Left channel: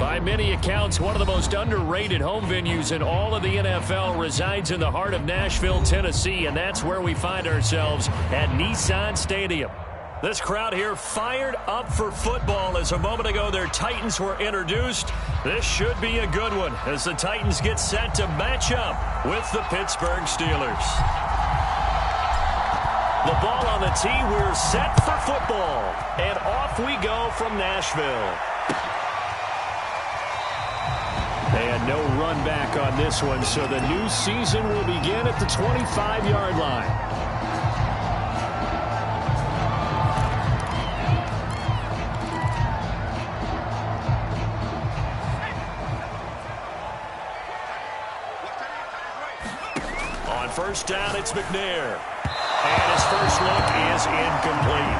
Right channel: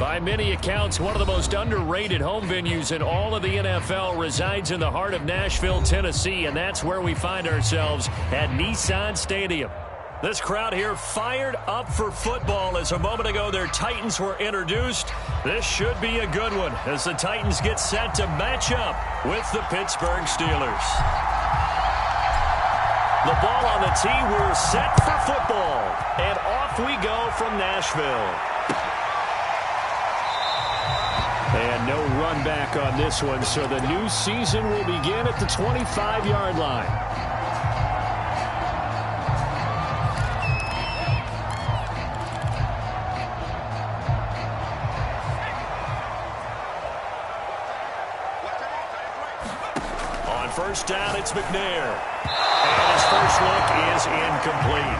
By many accounts, one of the most underrated home venues in all of the NFL resides in the heart of Nashville, Tennessee, and that's where we find ourselves at Nissan Stadium. This crowd here fired up for football as a moment ago their Titans were introduced. This should be a good one as the Titans get set to match up with the Pittsburgh Steelers. The ball on the tee, we're set for football, and off we go from Nashville. And no run back on this one, so the new season will begin at the 25-yard line. On first down, it's McNair. And his first look is incomplete.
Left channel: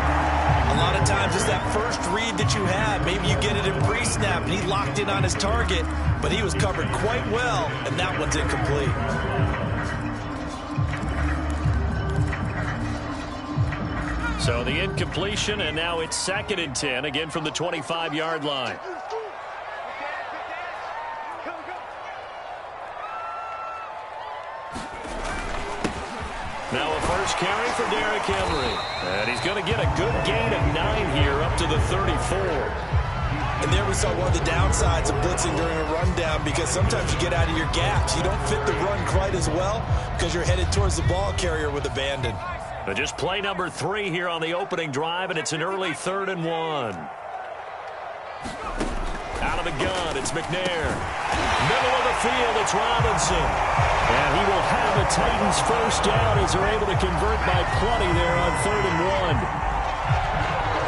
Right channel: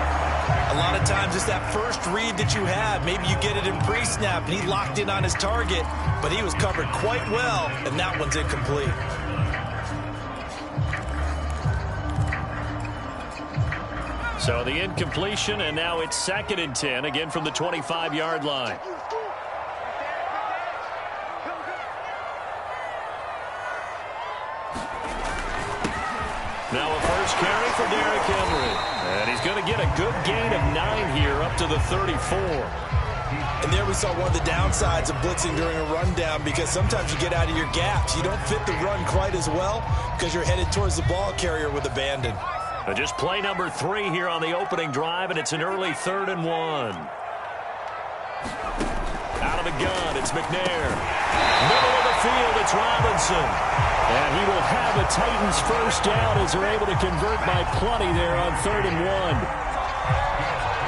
A lot of times it's that first read that you have. Maybe you get it in pre-snap, and he locked in on his target, but he was covered quite well, and that one's incomplete. So the incompletion, and now it's 2nd and 10, again from the 25-yard line. Now a first carry for Derrick Henry. And he's going to get a good gain of 9 here up to the 34. And there we saw one of the downsides of blitzing during a rundown, because sometimes you get out of your gaps. You don't fit the run quite as well because you're headed towards the ball carrier with abandon. Just play number 3 here on the opening drive, and it's an early 3rd and 1. Out of the gun, it's McNair. Middle of the field, it's Robinson. And he will have a Titans first down as they're able to convert by plenty there on 3rd and 1.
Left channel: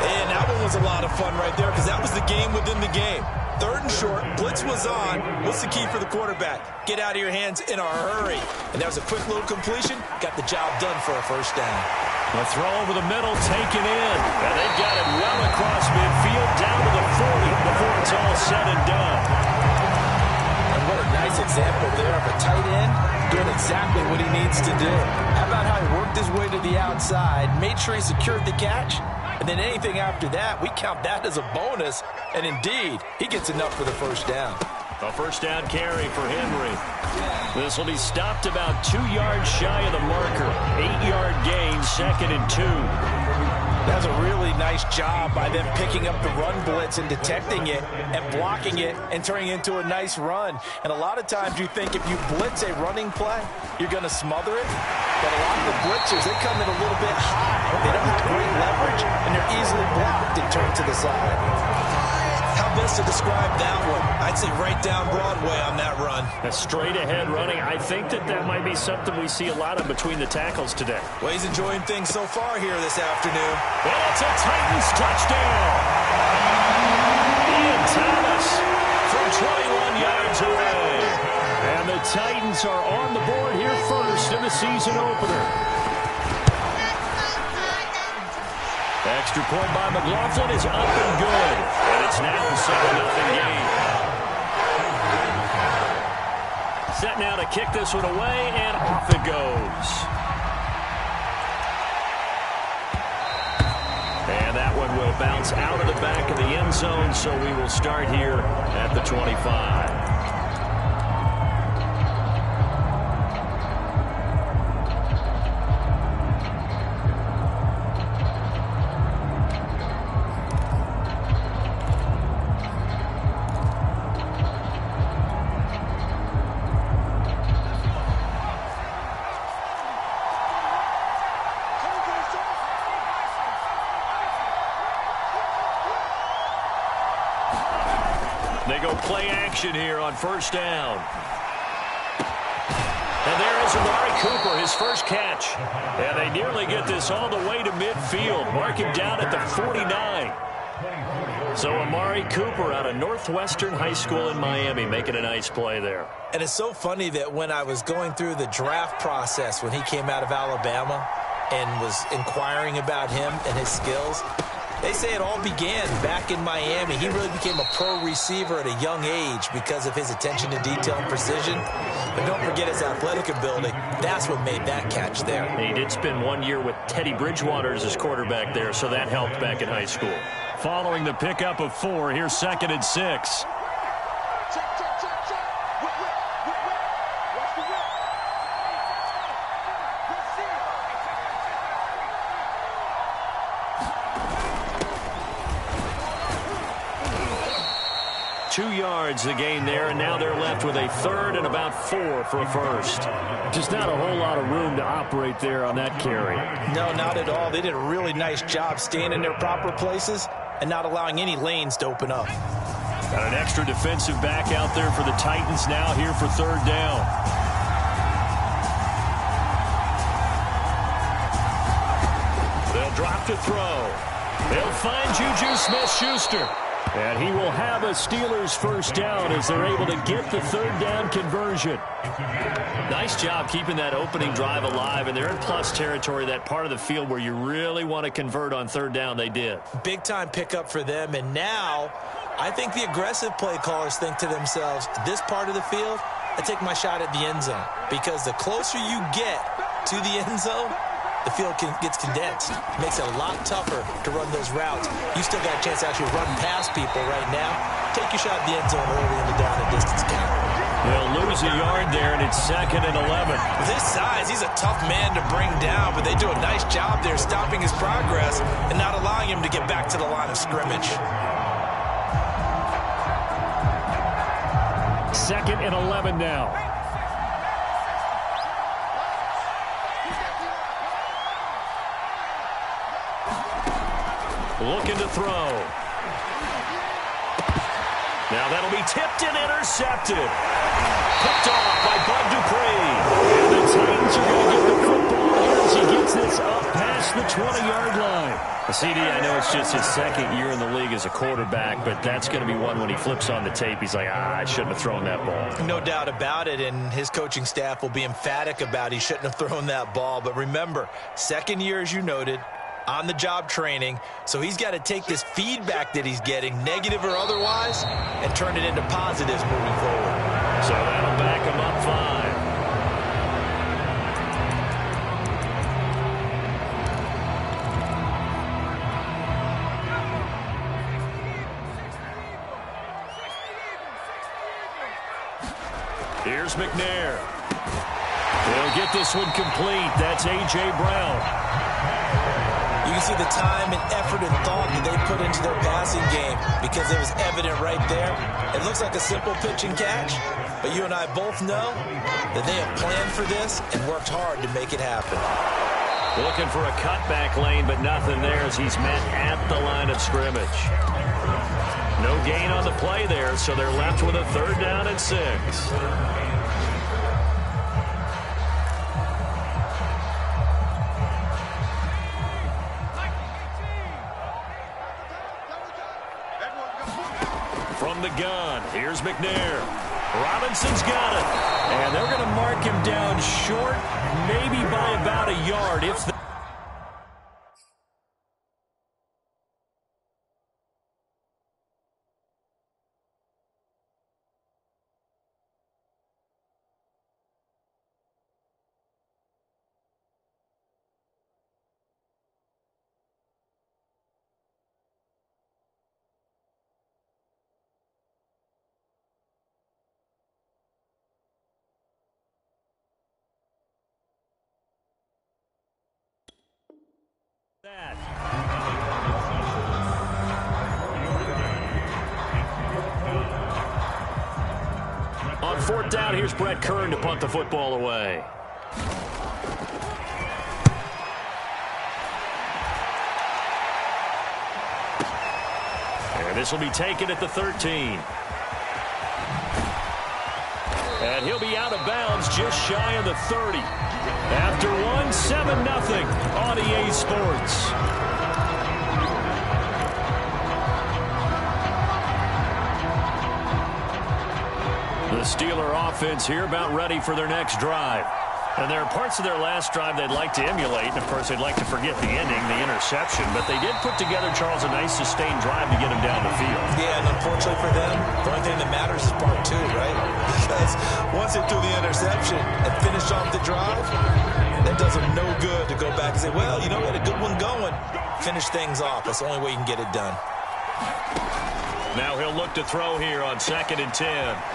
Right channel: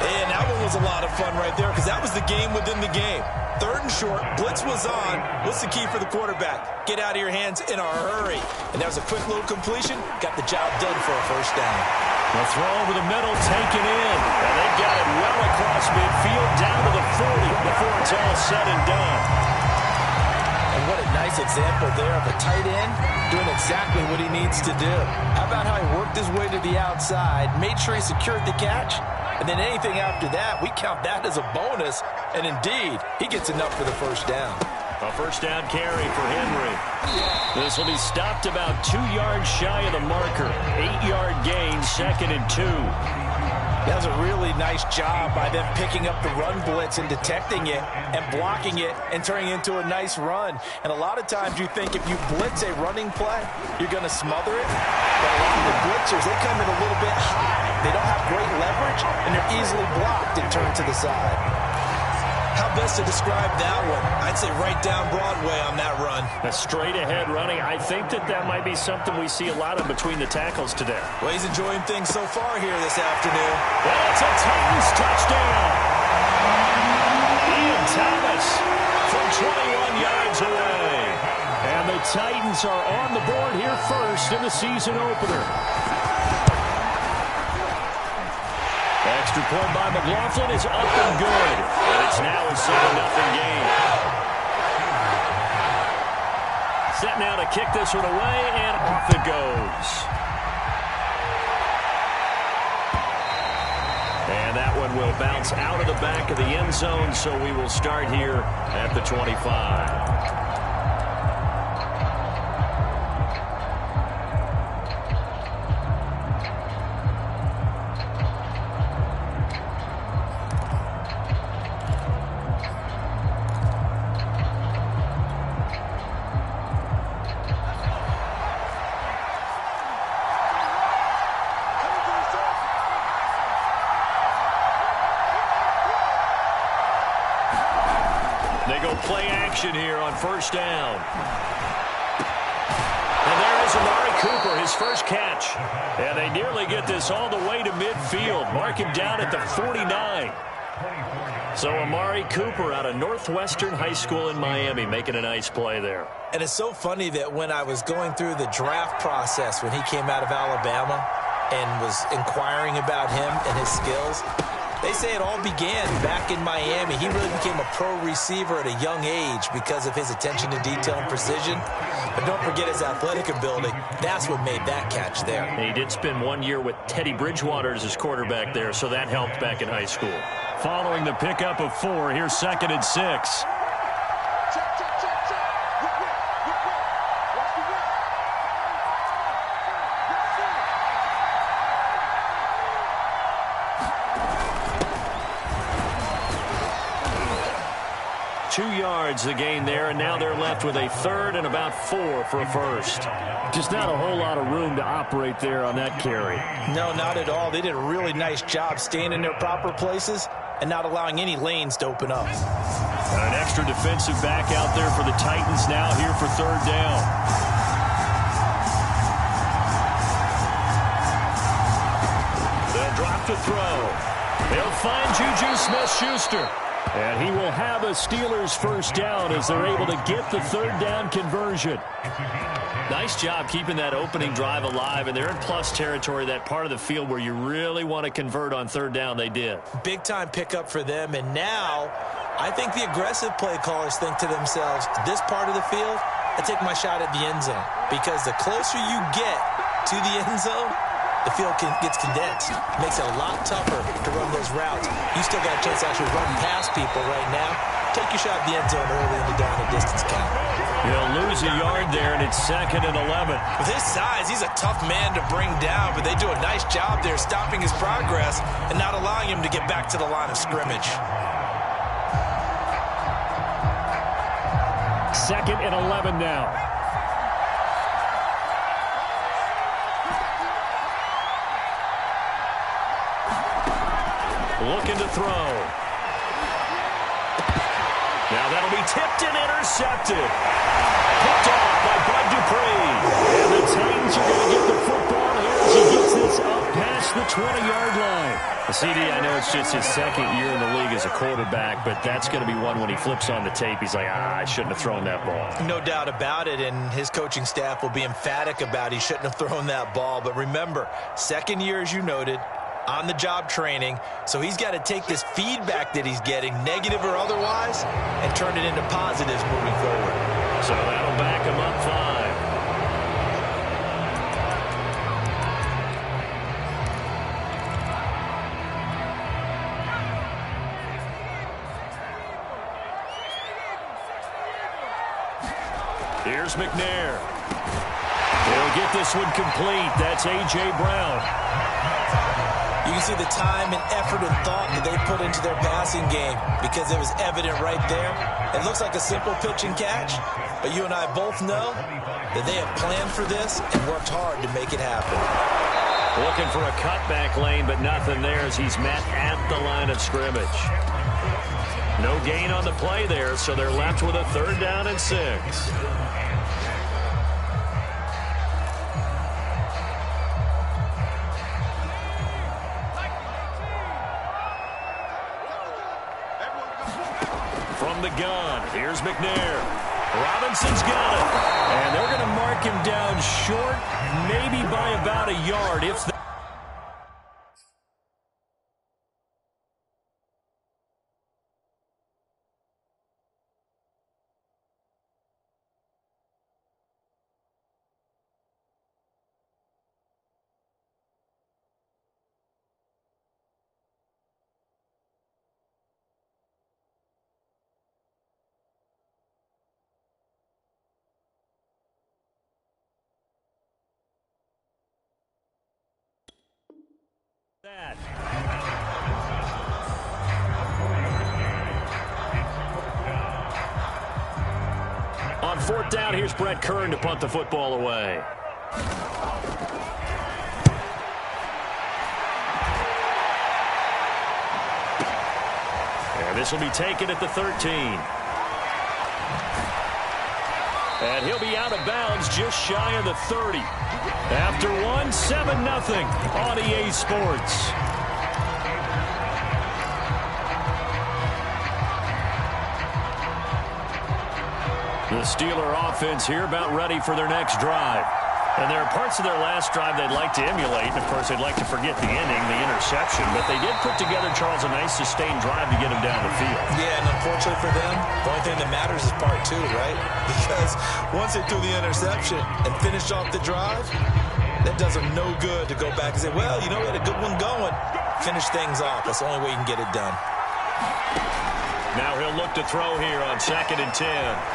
And that one was a lot of fun right there, because that was the game within the game. 3rd and short, blitz was on. What's the key for the quarterback? Get out of your hands in a hurry. And that was a quick little completion. Got the job done for a first down. The throw over the middle, taken in. And they've got it well across midfield, down to the 40 before it's all said and done. And what a nice example there of a tight end doing exactly what he needs to do. How about how he worked his way to the outside, made sure he secured the catch, and then anything after that, we count that as a bonus. And indeed, he gets enough for the first down. A first down carry for Henry. This will be stopped about 2 yards shy of the marker. 8-yard gain, 2nd and 2. That was a really nice job by them picking up the run blitz and detecting it and blocking it and turning it into a nice run. And a lot of times you think if you blitz a running play, you're going to smother it. But a lot of the blitzers, they come in a little bit high. They don't have great leverage, and they're easily blocked and turned to the side. How best to describe that one? I'd say right down Broadway on that run. A straight-ahead running. I think that might be something we see a lot of between the tackles today. Well, he's enjoying things so far here this afternoon. And it's a Titans touchdown. Ian Thomas from 21 yards away. And the Titans are on the board here first in the season opener. Extra point by McLaughlin is up and good. And it's now a 7-0 game. Set now to kick this one away, and off it goes. And that one will bounce out of the back of the end zone, so we will start here at the 25. They go play action here on first down. And there is Amari Cooper, his first catch. And they nearly get this all the way to midfield. Mark him down at the 49. So Amari Cooper out of Northwestern High School in Miami making a nice play there. And it's so funny that when I was going through the draft process when he came out of Alabama and was inquiring about him and his skills, they say it all began back in Miami. He really became a pro receiver at a young age because of his attention to detail and precision. But don't forget his athletic ability. That's what made that catch there. And he did spend 1 year with Teddy Bridgewater as his quarterback there, so that helped back in high school. Following the pickup of 4, here's 2nd and 6. Check, check, check, check. Whip, whip, whip, whip. Watch the whip. Let's see it. 2 yards the gain there, and now they're left with a third and about 4 for a first. Just not a whole lot of room to operate there on that carry. No, not at all. They did a really nice job staying in their proper places and not allowing any lanes to open up. Got an extra defensive back out there for the Titans now here for third down. They'll drop to throw. They'll find Juju Smith-Schuster. And he will have a Steelers first down as they're able to get the third down conversion. Nice job keeping that opening drive alive, and they're in plus territory, that part of the field where you really want to convert on third down. They did. Big time pickup for them, and now I think the aggressive play callers think to themselves, this part of the field, I take my shot at the end zone, because the closer you get to the end zone, the field gets condensed. It makes it a lot tougher to run those routes. You still got a chance to actually run past people right now. Take your shot at the end zone early in the down and distance count. He'll lose a yard there, and it's 2nd and 11. With his size, he's a tough man to bring down, but they do a nice job there stopping his progress and not allowing him to get back to the line of scrimmage. 2nd and 11 now. Looking to throw. Now that'll be tipped and intercepted. Picked off by Bud Dupree. And the Titans are going to get the football here as he gets this up past the 20-yard line. CD, I know it's just his 2nd year in the league as a quarterback, but that's going to be one when he flips on the tape. He's like, I shouldn't have thrown that ball. No doubt about it, and his coaching staff will be emphatic about he shouldn't have thrown that ball. But remember, 2nd year, as you noted, on-the-job training, so he's got to take this feedback that he's getting, negative or otherwise, and turn it into positives moving forward. So that'll back him up 5. Here's McNair. He'll get this one complete. That's A.J. Brown. You can see the time and effort and thought that they put into their passing game because it was evident right there. It looks like a simple pitch and catch, but you and I both know that they have planned for this and worked hard to make it happen. Looking for a cutback lane, but nothing there as he's met at the line of scrimmage. No gain on the play there, so they're left with a 3rd down and 6. From the gun, here's McNair. Robinson's got it. And they're going to mark him down short, maybe by about a yard. If that. On 4th down, here's Brett Kern to punt the football away. And this will be taken at the 13. And he'll be out of bounds just shy of the 30. After 7-0 on EA Sports. The Steeler offense here about ready for their next drive. And there are parts of their last drive they'd like to emulate. And, of course, they'd like to forget the ending, the interception. But they did put together, Charles, a nice sustained drive to get him down the field. Yeah, and unfortunately for them, the only thing that matters is part 2, right? Because once they threw the interception and finished off the drive, that does them no good to go back and say, well, you know, we had a good one going. Finish things off. That's the only way you can get it done. Now he'll look to throw here on 2nd and 10.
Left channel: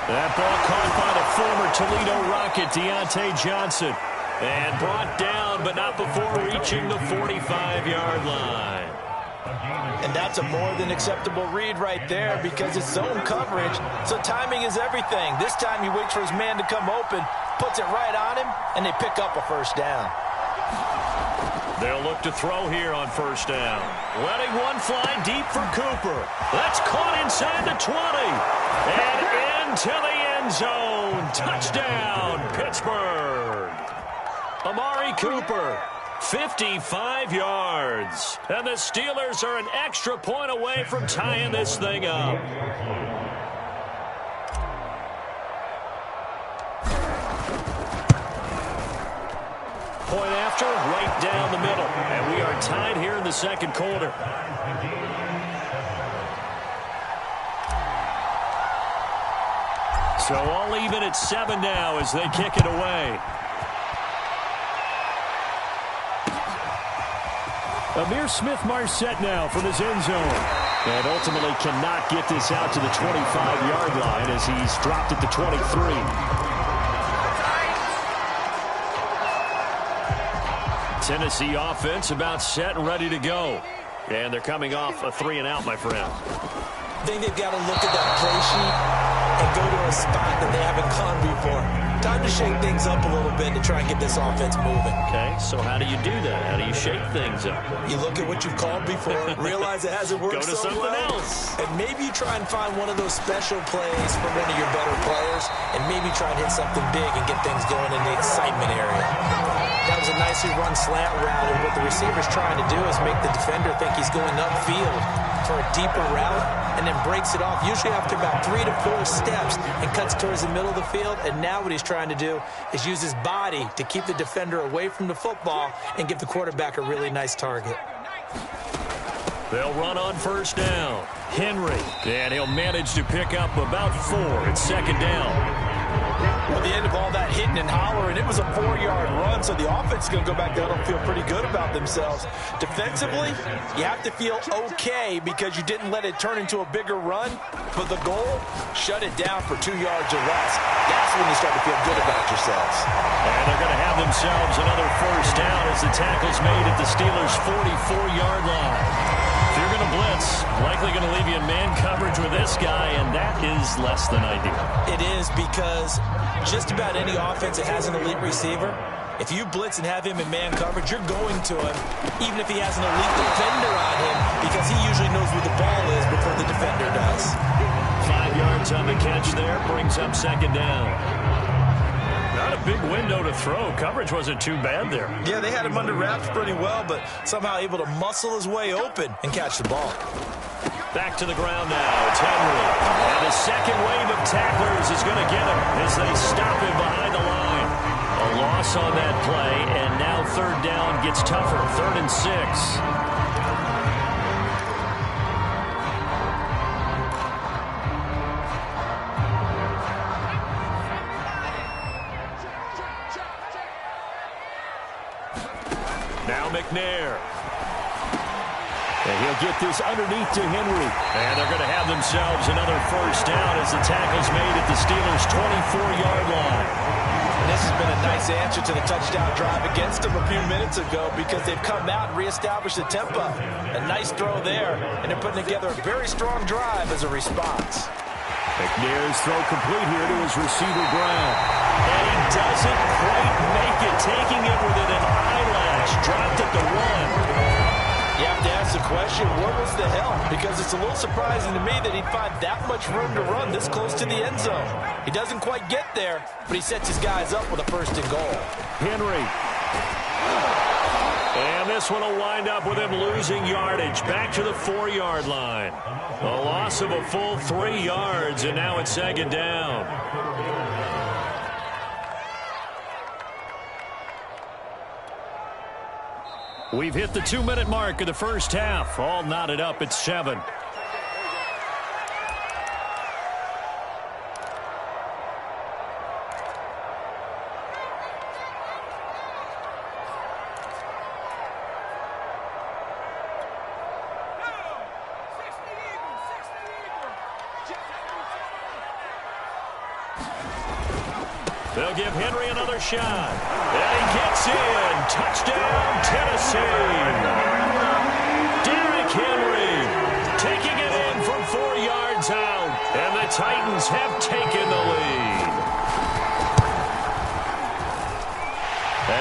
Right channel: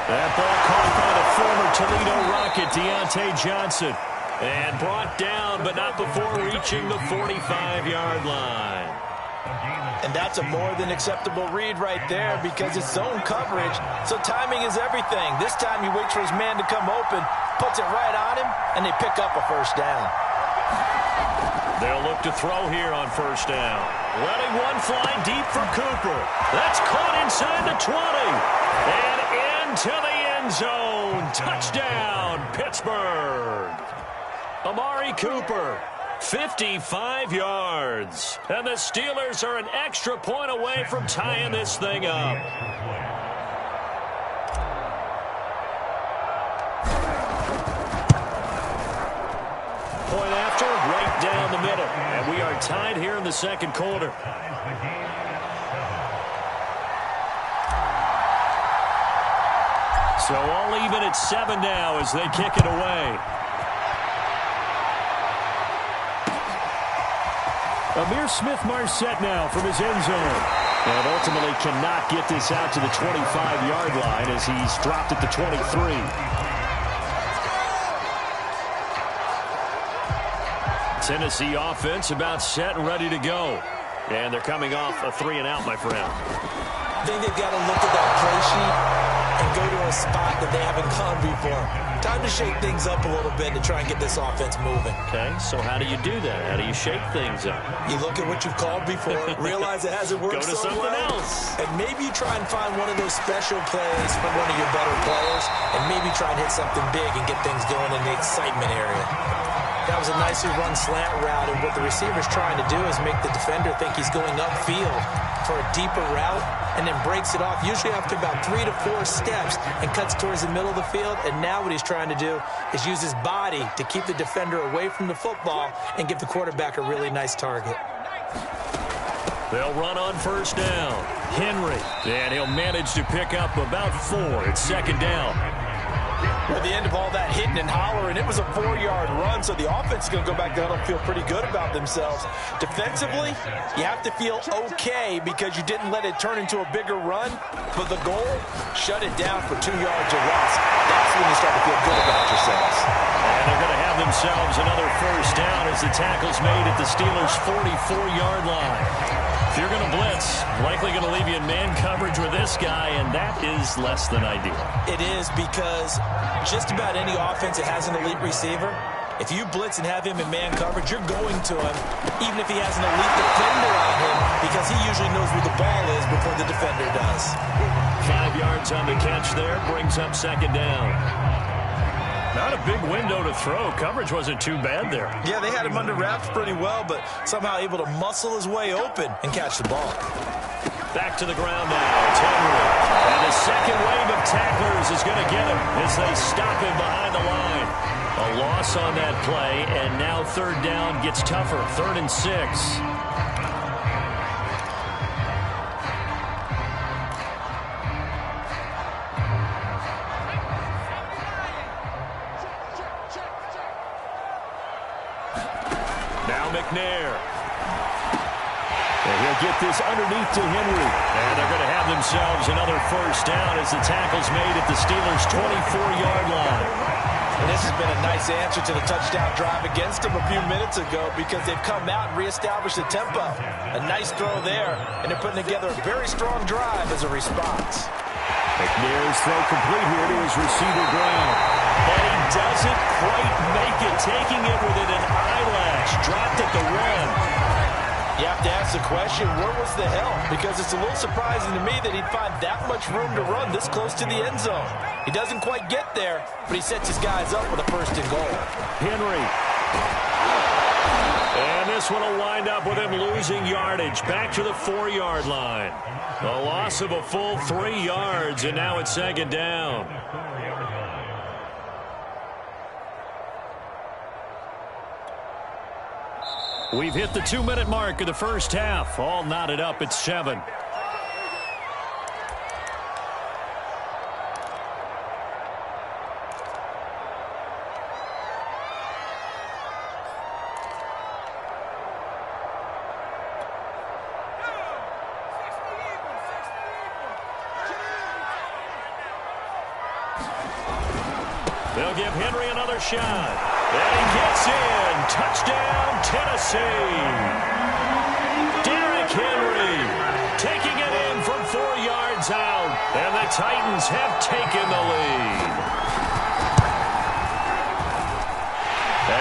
That ball caught by the former Toledo Rocket, Deontay Johnson. And brought down, but not before reaching the 45-yard line. And that's a more than acceptable read right there because it's zone coverage, so timing is everything. This time he waits for his man to come open, puts it right on him, and they pick up a first down. They'll look to throw here on 1st down. Letting one fly deep for Cooper. That's caught inside the 20. And into the end zone. Touchdown, Pittsburgh. Amari Cooper, 55 yards. And the Steelers are an extra point away from tying this thing up. Point after, right down the middle. And we are tied here in the 2nd quarter. So all even at 7 now as they kick it away. Amir Smith-Marset now from his end zone. And ultimately cannot get this out to the 25-yard line as he's dropped at the 23. Tennessee offense about set and ready to go. And they're coming off a 3-and-out, my friend. I think they've got to look at that play sheet and go to a spot that they haven't gone before. Time to shake things up a little bit to try and get this offense moving. Okay, so how do you do that? How do you shake things up? You look at what you've called before, realize it hasn't worked go to so something well, else. and maybe you try and find one of those special plays from one of your better players, and maybe try and hit something big and get things going in the excitement area. That was a nicely run slant route, and what the receiver's trying to do is make the defender think he's going upfield for a deeper route, and then breaks it off, usually after about 3 to 4 steps, and cuts towards the middle of the field. And now what he's trying to do is use his body to keep the defender away from the football and give the quarterback a really nice target. They'll run on 1st down. Henry, and he'll manage to pick up about 4 at 2nd down. Well, the end of all that hitting and hollering, it was a 4-yard run, so the offense is going to go back down and feel pretty good about themselves. Defensively, you have to feel okay because you didn't let it turn into a bigger run, but the goal, shut it down for 2 yards or less. That's when you start to feel good about yourselves. And they're going to have themselves another 1st down as the tackle's made at the Steelers' 44-yard line. If you're going to blitz, likely going to leave you in man coverage with this guy, and that is less than ideal. It is because just about any offense that has an elite receiver, if you blitz and have him in man coverage, you're going to him, even if he has an elite defender on him, because he usually knows where the ball is before the defender does. 5 yards on the catch there, brings up 2nd down. Not a big window to throw. Coverage wasn't too bad there. Yeah, they had him under wraps pretty well, but somehow able to muscle his way open and catch the ball. Back to the ground now. It's Henry. And the second wave of tacklers is going to get him as they stop him behind the line. A loss on that play, and now 3rd down gets tougher. 3rd and 6. Now McNair. And he'll get this underneath to Henry. And they're going to have themselves another 1st down as the tackle's made at the Steelers' 24-yard line. And this has been a nice answer to the touchdown drive against them a few minutes ago because they've come out and reestablished the tempo. A nice throw there, and they're putting together a very strong drive as a response. McNair's throw complete here to his receiver, Brown. And he doesn't quite make it, taking it within an eyelash. Dropped at the 1. You have to ask the question, where was the help? Because it's a little surprising to me that he'd find that much room to run this close to the end zone. He doesn't quite get there, but he sets his guys up with a 1st and goal. Henry. And this one will wind up with him losing yardage. Back to the 4-yard line. A loss of a full 3 yards, and now it's 2nd down. We've hit the 2-minute mark of the 1st half. All knotted up at 7. They'll give Henry another shot. And he gets in. Touchdown, Tennessee. Derrick Henry taking it in from 4 yards out. And the Titans have taken the lead.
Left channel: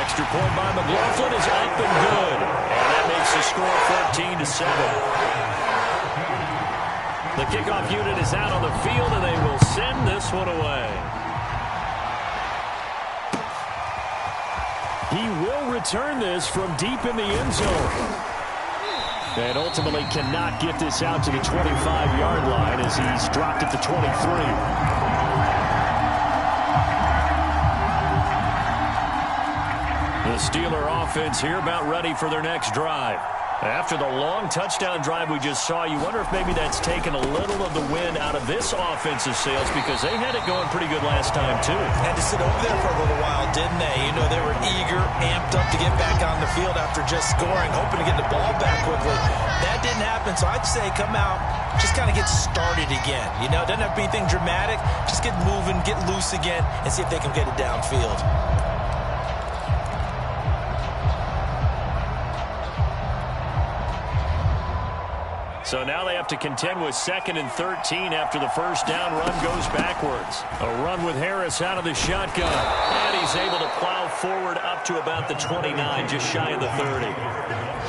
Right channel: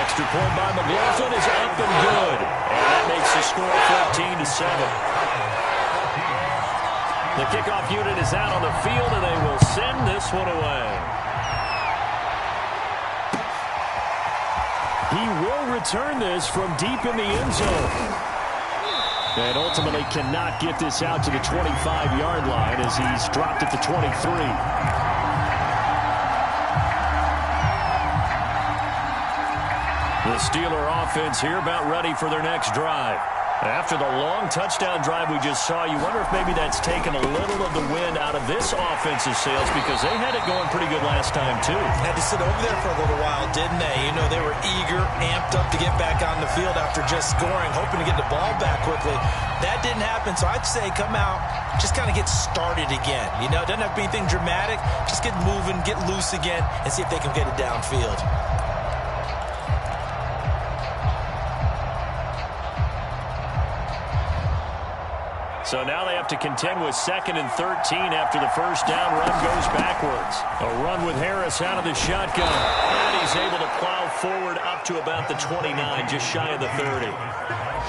Extra point by McLaughlin is up and good. And that makes the score 14-7. The kickoff unit is out on the field, and they will send this one away. He will return this from deep in the end zone. And ultimately cannot get this out to the 25-yard line as he's dropped at the 23. The Steeler offense here about ready for their next drive. After the long touchdown drive we just saw, you wonder if maybe that's taken a little of the wind out of this offensive sails, because they had it going pretty good last time too. Had to sit over there for a little while, didn't they? You know, they were eager, amped up to get back on the field after just scoring, hoping to get the ball back quickly. That didn't happen, so I'd say come out, just kind of get started again. You know, it doesn't have to be anything dramatic. Just get moving, get loose again, and see if they can get it downfield. So now they have to contend with 2nd and 13 after the first down run goes backwards. A run with Harris out of the shotgun. And he's able to plow forward up to about the 29, just shy of the 30.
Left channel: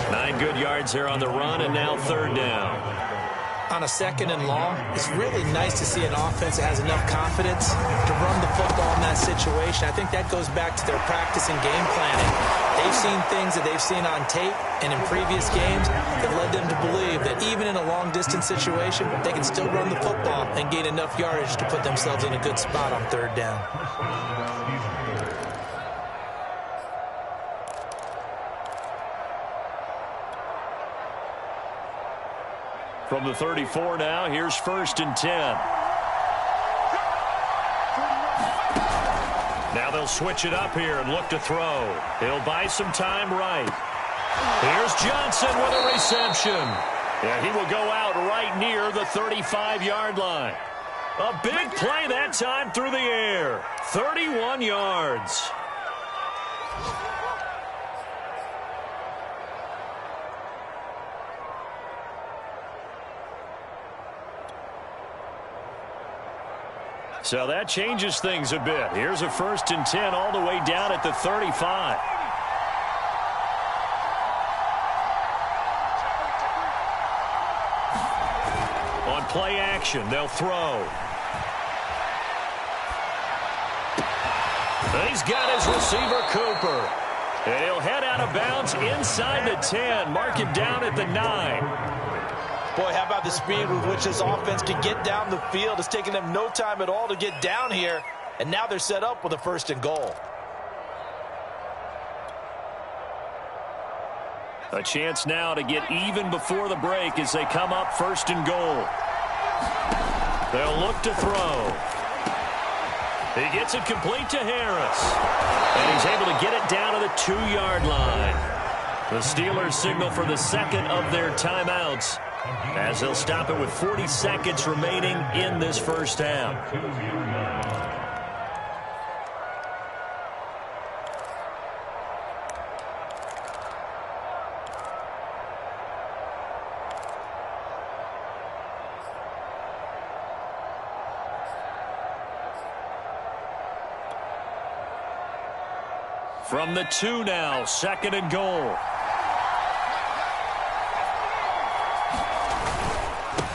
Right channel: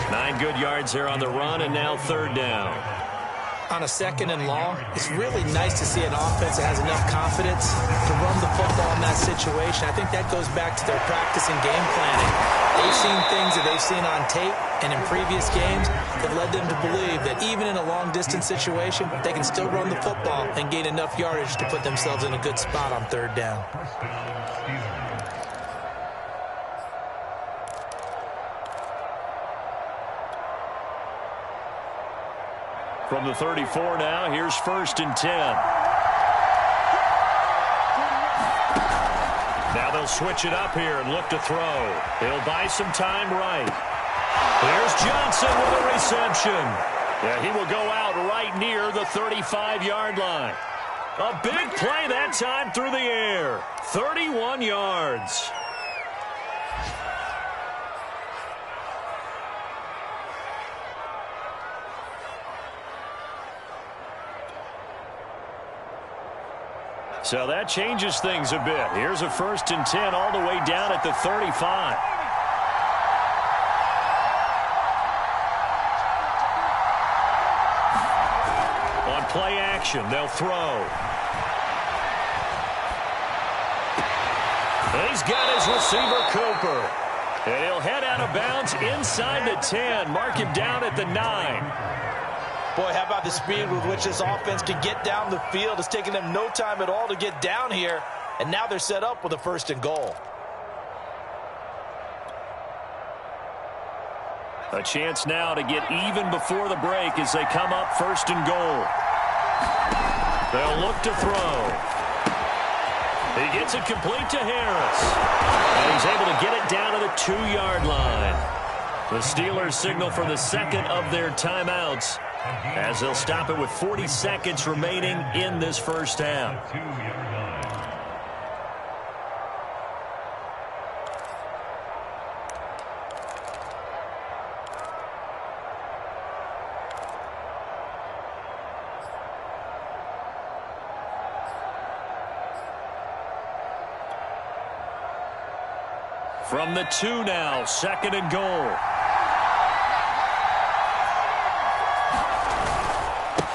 9 good yards there on the run, and now 3rd down. On a 2nd and long, it's really nice to see an offense that has enough confidence to run the football in that situation. I think that goes back to their practice and game planning. They've seen things that they've seen on tape and in previous games that led them to believe that even in a long-distance situation, they can still run the football and gain enough yardage to put themselves in a good spot on 3rd down. From the 34 now, here's 1st and 10. Now they'll switch it up here and look to throw. He'll buy some time right. Here's Johnson with a reception. Yeah, he will go out right near the 35-yard line. A big play that time through the air. 31 yards. So that changes things a bit. Here's a 1st and 10 all the way down at the 35. On play action, they'll throw. He's got his receiver, Cooper. And he'll head out of bounds inside the 10. Mark him down at the 9. Boy, how about the speed with which this offense can get down the field? It's taken them no time at all to get down here, and now they're set up with a 1st and goal. A chance now to get even before the break as they come up 1st and goal. They'll look to throw. He gets it complete to Harris. And he's able to get it down to the 2-yard line. The Steelers signal for the 2nd of their timeouts, as they'll stop it with 40 seconds remaining in this first half. From the 2 now, 2nd and goal.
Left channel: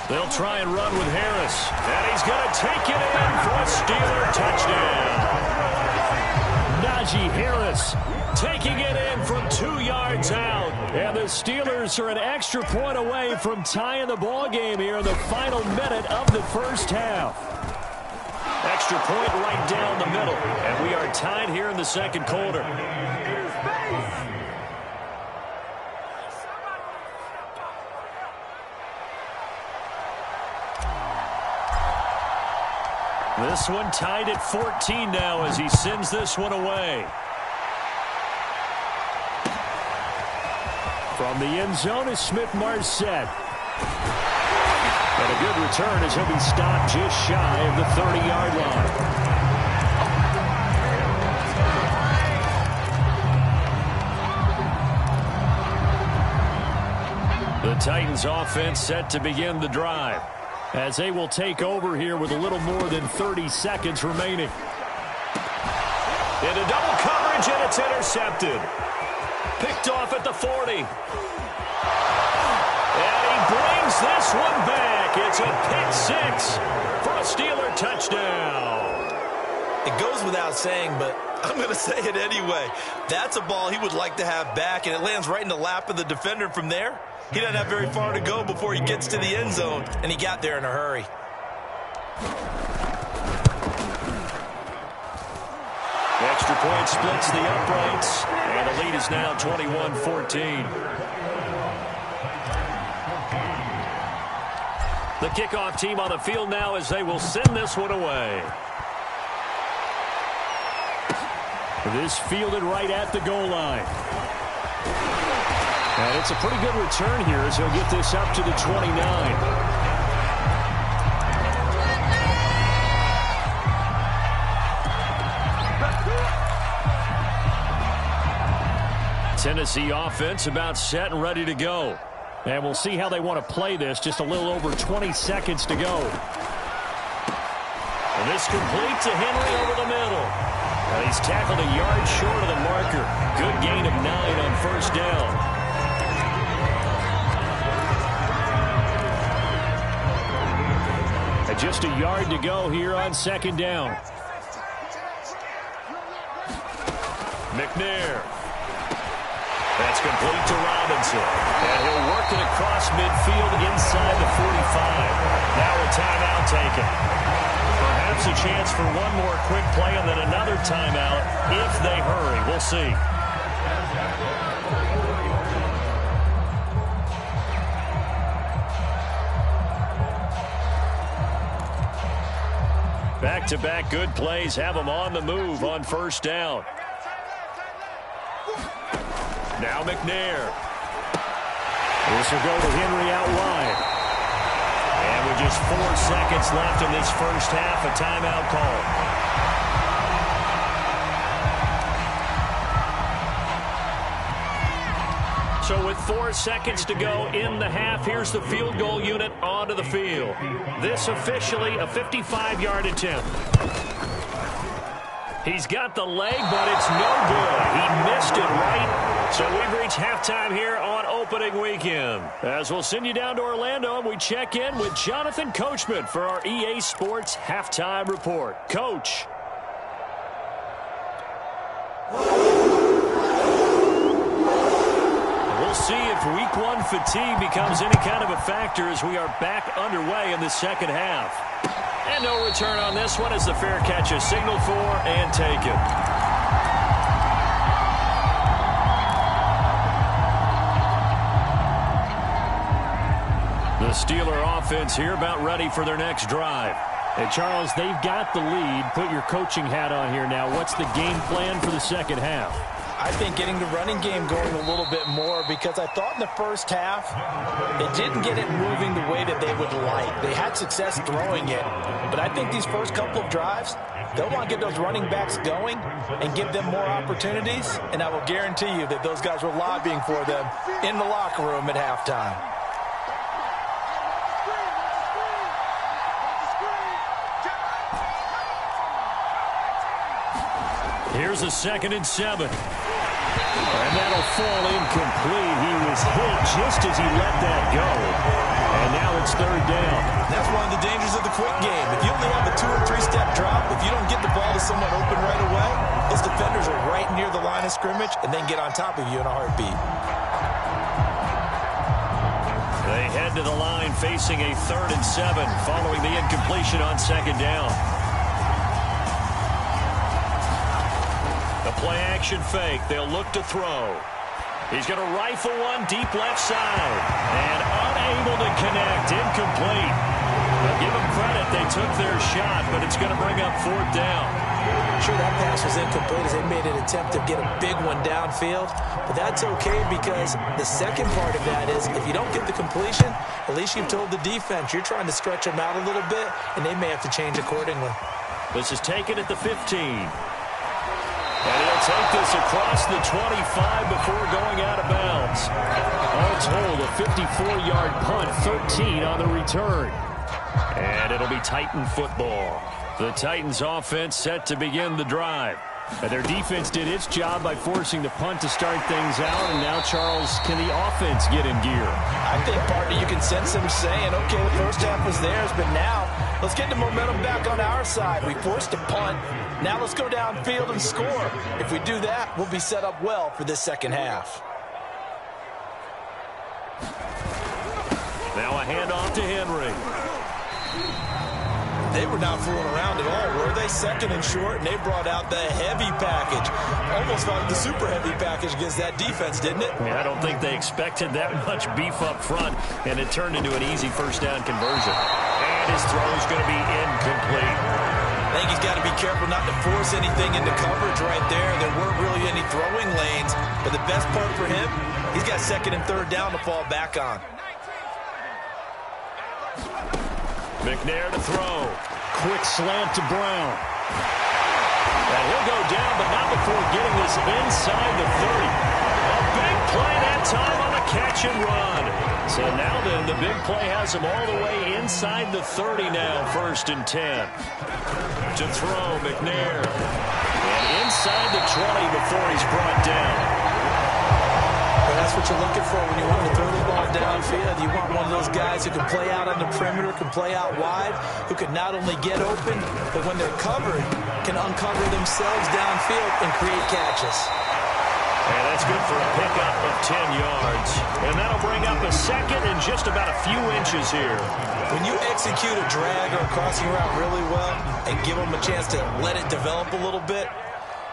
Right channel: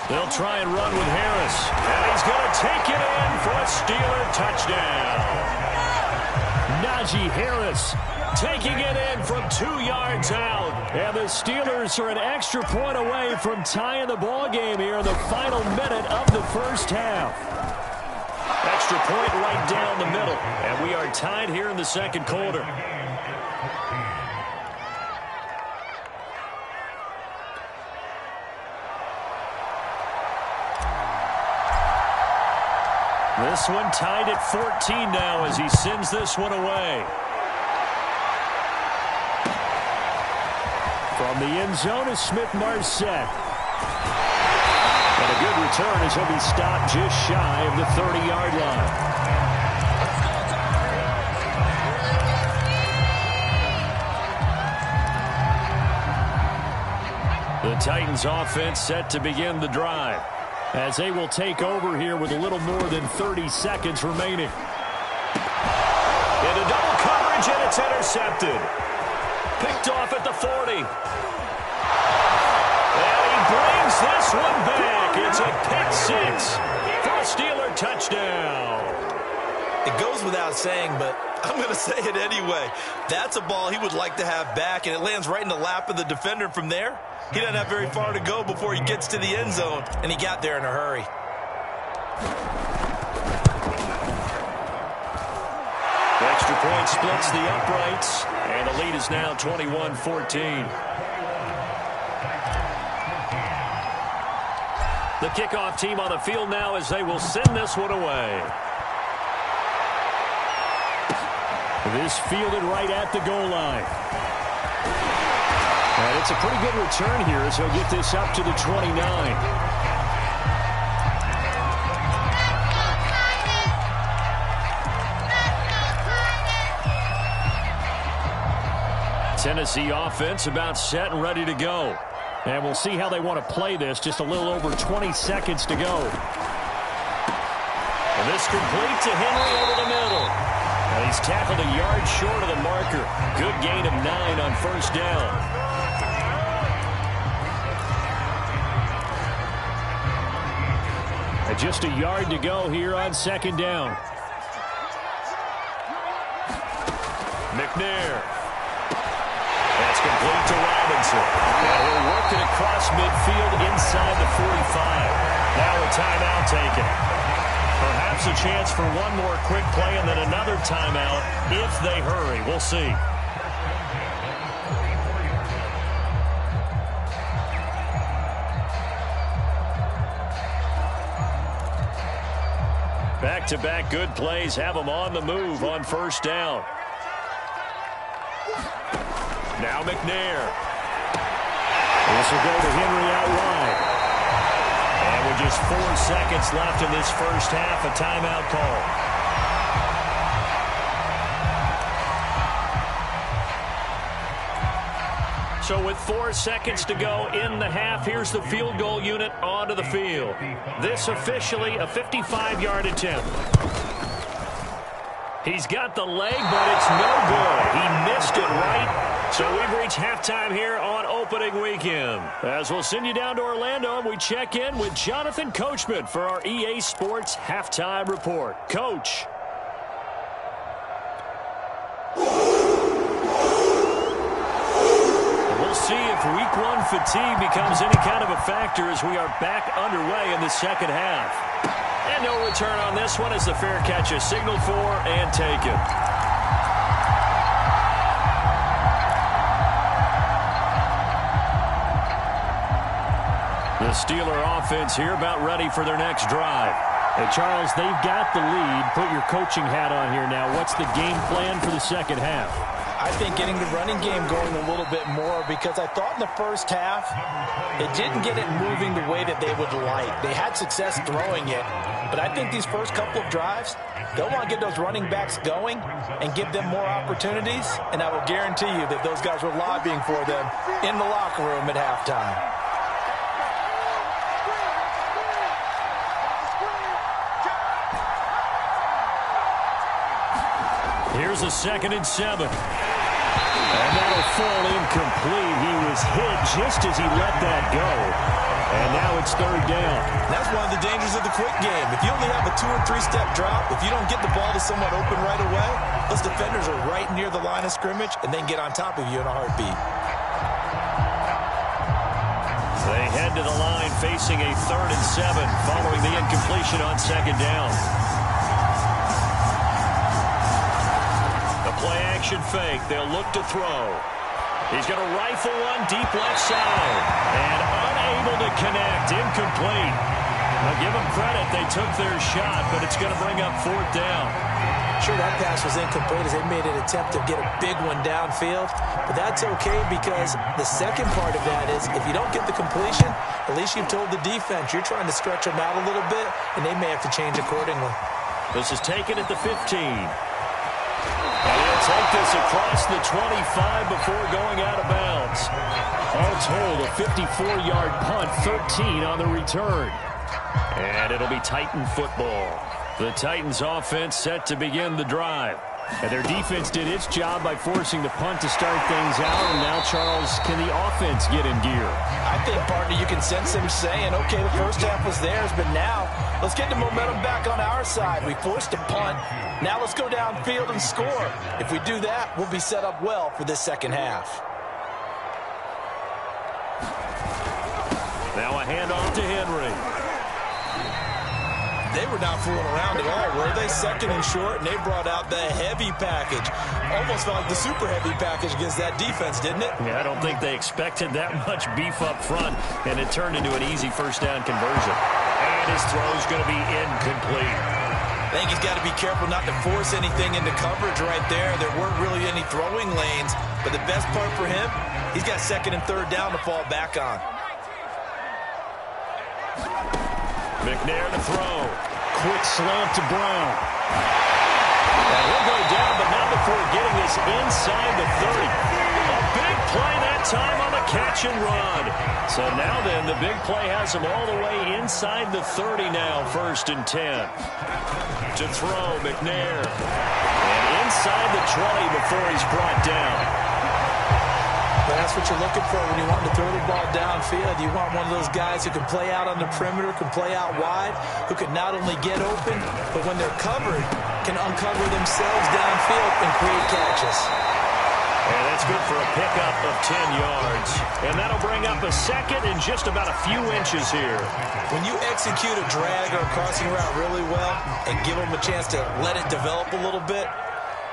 They'll try and run with Harris. And he's going to take it in for a Steeler touchdown. Najee Harris taking it in from 2 yards out. And the Steelers are an extra point away from tying the ball game here in the final minute of the first half. Extra point right down the middle. And we are tied here in the 2nd quarter. This one tied at 14 now as he sends this one away. From the end zone is Smith-Marsette. And a good return as he'll be stopped just shy of the 30-yard line. The Titans offense set to begin the drive as they will take over here with a little more than 30 seconds remaining. Into double coverage, and it's intercepted. Picked off at the 40. And he brings this one back. It's a pick six for a Steeler touchdown. It goes without saying, but I'm going to say it anyway. That's a ball he would like to have back, and it lands right in the lap of the defender from there. He doesn't have very far to go before he gets to the end zone, and he got there in a hurry. The extra point splits the uprights, and the lead is now 21-14. The kickoff team on the field now as they will send this one away. This fielded right at the goal line. And it's a pretty good return here as he'll get this up to the 29. Tennessee offense about set and ready to go. And we'll see how they want to play this. Just a little over 20 seconds to go. And this complete to Henry over the middle. And he's tackled a yard short of the marker. Good gain of 9 on first down. And just a yard to go here on second down. McNair. That's complete to Robinson. And he'll work it across midfield inside the 45. Now a timeout taken. Perhaps a chance for one more quick play and then another timeout if they hurry. We'll see. Back-to-back good plays have them on the move on first down. Now McNair. This will go to Henry out wide. And with just 4 seconds left in this first half, a timeout call. So with 4 seconds to go in the half, here's the field goal unit onto the field. This officially a 55-yard attempt. He's got the leg, but it's no good. He missed it right. So we've reached halftime here on opening weekend. As we'll send you down to Orlando, and we check in with Jonathan Coachman for our EA Sports Halftime Report. Coach. We'll see if week one fatigue becomes any kind of a factor as we are back underway in the second half. And no return on this one as the fair catch is signaled for and taken. The Steeler offense here about ready for their next drive. And Charles, they've got the lead. Put your coaching hat on here now. What's the game plan for the second half? I think getting the running game going a little bit more, because I thought in the first half they didn't get it moving the way that they would like. They had success throwing it, but I think these first couple of drives, they'll want to get those running backs going and give them more opportunities, and I will guarantee you that those guys were lobbying for them in the locker room at halftime. Here's a 2nd and 7. And that'll fall incomplete. He was hit just as he let that go. And now it's 3rd down. That's one of the dangers of the quick game. If you only have a 2- or 3-step drop, if you don't get the ball to someone open right away, those defenders are right near the line of scrimmage and then get on top of you in a heartbeat. They head to the line facing a 3rd and 7 following the incompletion on 2nd down. Play action fake. They'll look to throw. He's going to rifle one deep left side. And unable to connect. Incomplete. I'll give them credit. They took their shot, but it's going to bring up 4th down. Sure, that pass was incomplete as they made an attempt to get a big one downfield. But that's okay, because the second part of that is if you don't get the completion, at least you've told the defense you're trying to stretch them out a little bit, and they may have to change accordingly. This is taken at the 15. And he'll take this across the 25 before going out of bounds. All told, a 54-yard punt, 13 on the return. And it'll be Titan football. The Titans offense set to begin the drive. And their defense did its job by forcing the punt to start things out. And now, Charles, can the offense get in gear? I think, partner, you can sense them saying, okay, the first half was theirs, but now let's get the momentum back on our side. We forced a punt. Now let's go downfield and score. If we do that, we'll be set up well for this second half. Now a handoff to Henry. They were not fooling around at all, were they? Second and short, and they brought out the heavy package. Almost felt like the super heavy package against that defense, didn't it? Yeah, I don't think they expected that much beef up front, and it turned into an easy first down conversion. And his throw's going to be incomplete. I think he's got to be careful not to force anything into coverage right there. There weren't really any throwing lanes, but the best part for him, he's got second and third down to fall back on. McNair to throw. Quick slant to Brown. And he'll go down, but not before getting this inside the 30. A big play that time on the catch and run. So now then, the big play has him all the way inside the 30 now, 1st and 10. To throw, McNair. And inside the 20 before he's brought down. But that's what you're looking for when you want to throw the ball downfield. You want one of those guys who can play out on the perimeter, can play out wide, who can not only get open, but when they're covered, can uncover themselves downfield and create catches. And that's good for a pickup of 10 yards. And that'll bring up a second and just about a few inches here. When you execute a drag or a crossing route really well and give them a chance to let it develop a little bit,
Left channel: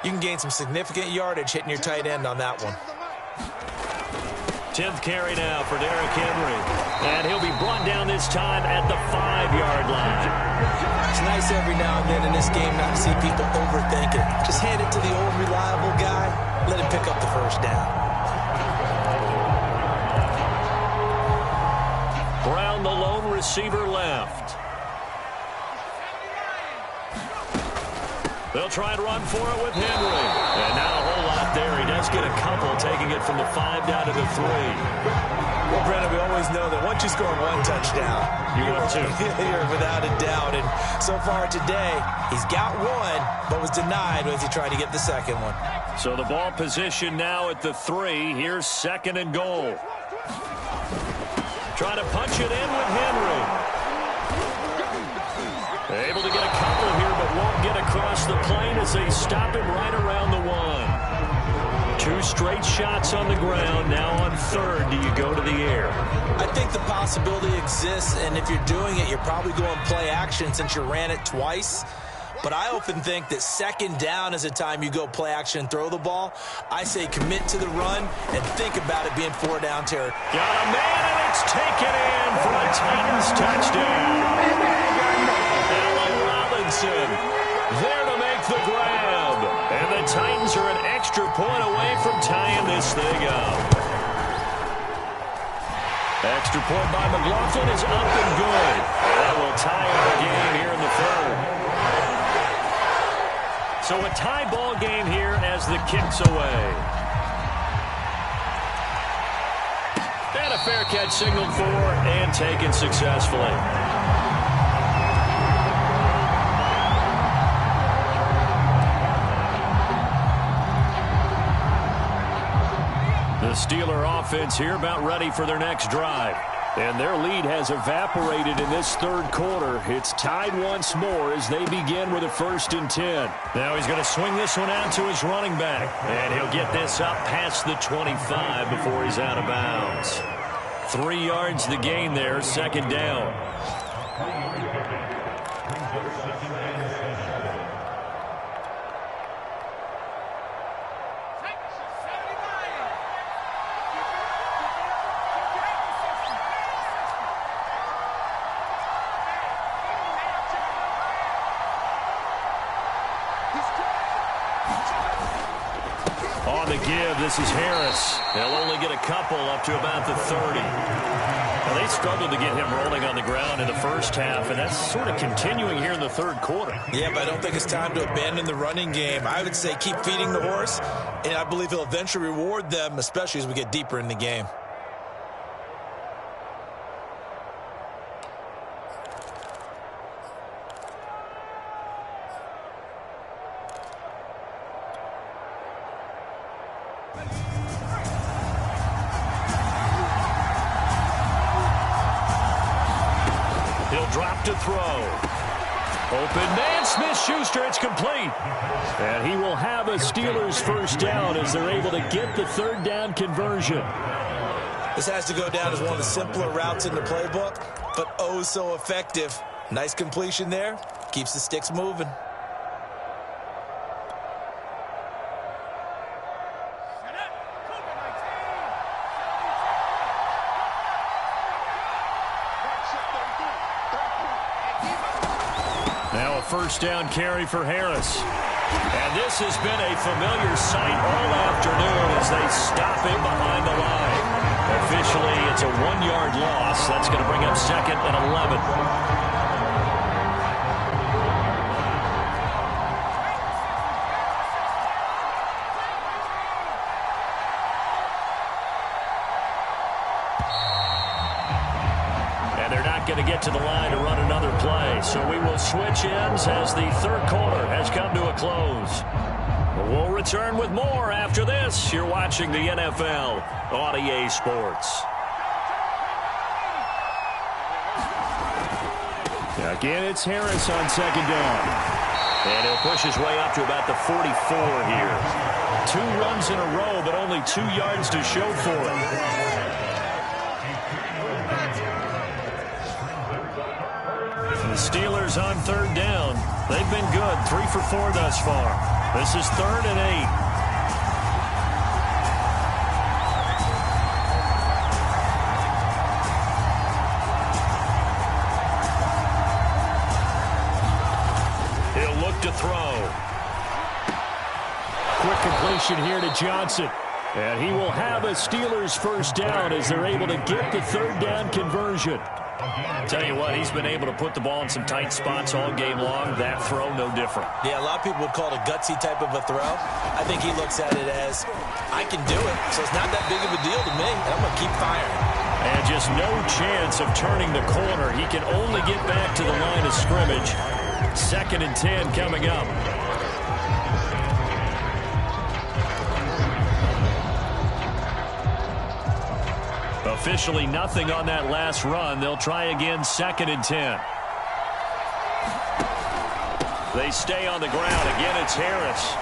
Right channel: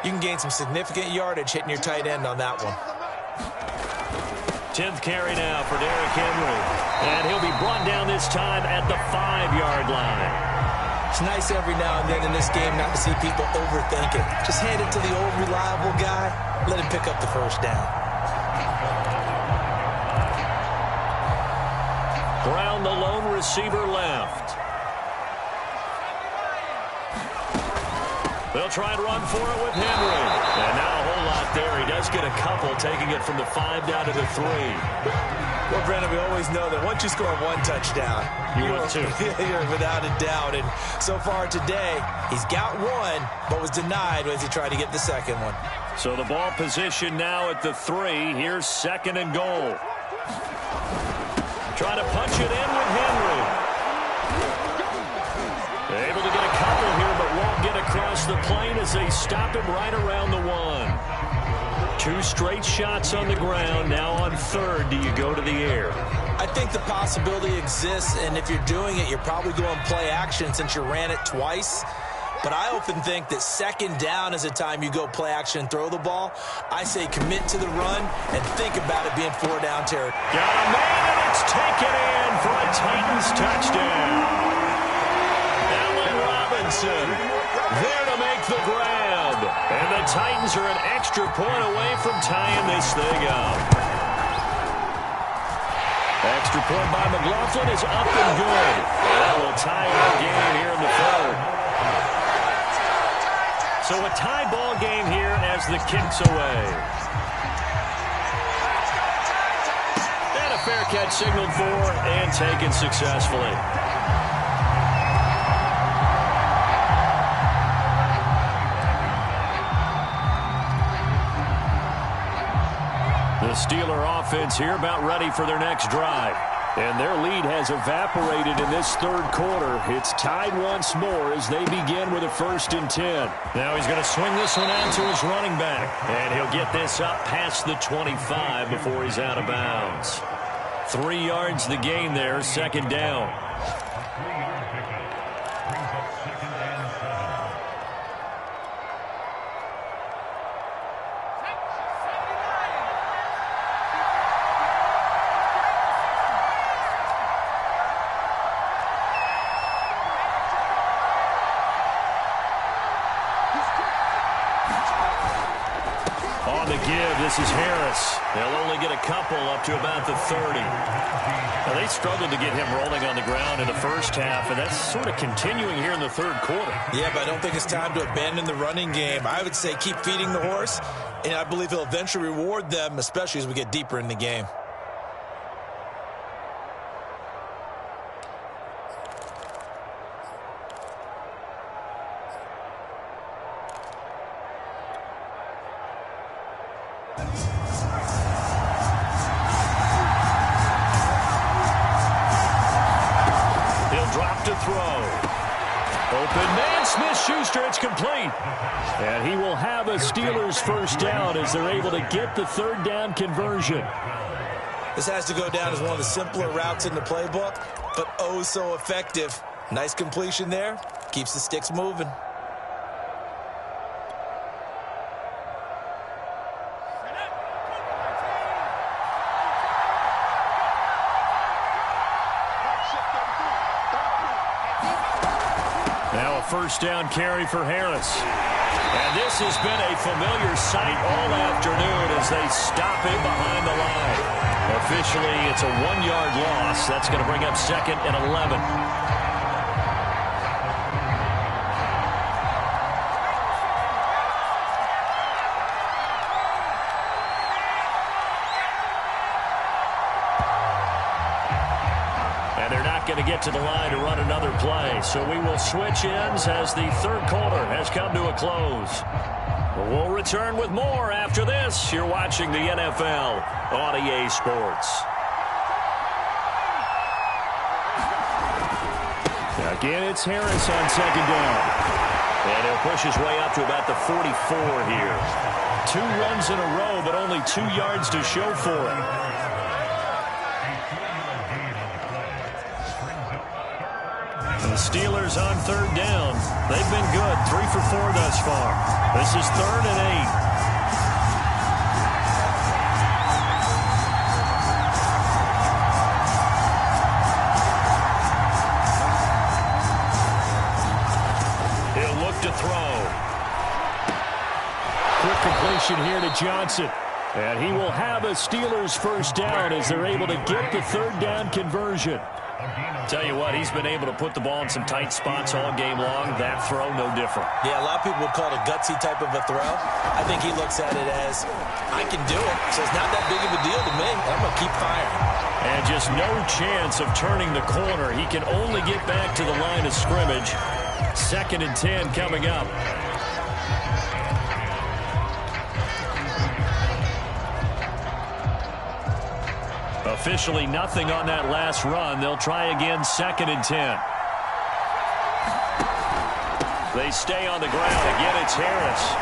you can gain some significant yardage hitting your tight end on that one. 10th carry now for Derrick Henry. And he'll be brought down this time at the 5-yard line. It's nice every now and then in this game not to see people overthink it. Just hand it to the old reliable guy. Let him pick up the first down. Brown, the lone receiver, left. They'll try and run for it with Henry. And not a whole lot there. He does get a couple, taking it from the 5 down to the 3. Well, Brandon, we always know that once you score one touchdown, you win two. You're without a doubt. And so far today, he's got one, but was denied as he tried to get the second one. So the ball position now at the 3. Here's 2nd and goal. Trying to punch it in with Henry. Able to get a couple here, but won't get across the plane as they stop him right around the 1. 2 straight shots on the ground. Now on 3rd, do you go to the air? I think the possibility exists, and if you're doing it, you're probably going play action since you ran it twice. But I often think that 2nd down is a time you go play action and throw the ball. I say commit to the run and think about it being 4-down territory. Got a man, and it's taken in for a Titans touchdown. Allen Robinson there to make the grab. And the Titans are an extra point away from tying this thing up. Extra point by McLaughlin is up and good. And that will tie our game here in the 3rd. So a tie ball game here as the kick's away. And a fair catch signaled for and taken successfully. The Steeler offense here about ready for their next drive. And their lead has evaporated in this 3rd quarter. It's tied once more as they begin with a 1st and 10. Now he's going to swing this one out to his running back. And he'll get this up past the 25 before he's out of bounds. 3 yards the gain there, 2nd down. On the give, this is Harris. They'll only get a couple up to about the 30. Now, they struggled to get him rolling on the ground in the first half, and that's sort of continuing here in the third quarter. Yeah, but I don't think it's time to abandon the running game. I would say keep feeding the horse, and I believe he'll eventually reward them, especially as we get deeper in the game. Drop to throw. Open man, Smith-Schuster, it's complete. And he will have a Steelers first down as they're able to get the third down conversion. This has to go down as one of the simpler routes in the playbook, but oh so effective. Nice completion there. Keeps the sticks moving. Now a first down carry for Harris. And this has been a familiar sight all afternoon as they stop him behind the line. Officially, it's a 1-yard loss. That's going to bring up 2nd and 11. They're not going to get to the line to run another play, so we will switch ends as the third quarter has come to a close. We'll return with more after this. You're watching the NFL on EA Sports. Again, it's Harris on second down. And he'll push his way up to about the 44 here. 2 runs in a row, but only 2 yards to show for him. The Steelers on third down. They've been good. 3 for 4 thus far. This is 3rd and 8. He'll look to throw. Quick completion here to Johnson. And he will have a Steelers first down as they're able to get the third down conversion. Tell you what, he's been able to put the ball in some tight spots all game long. That throw, no different. Yeah, a lot of people would call it a gutsy type of a throw. I think he looks at it as, I can do it, so it's not that big of a deal to me, and I'm going to keep firing. And just no chance of turning the corner. He can only get back to the line of scrimmage. 2nd and 10 coming up. Officially nothing on that last run. They'll try again, 2nd and 10. They stay on the ground. Again, it's Harris.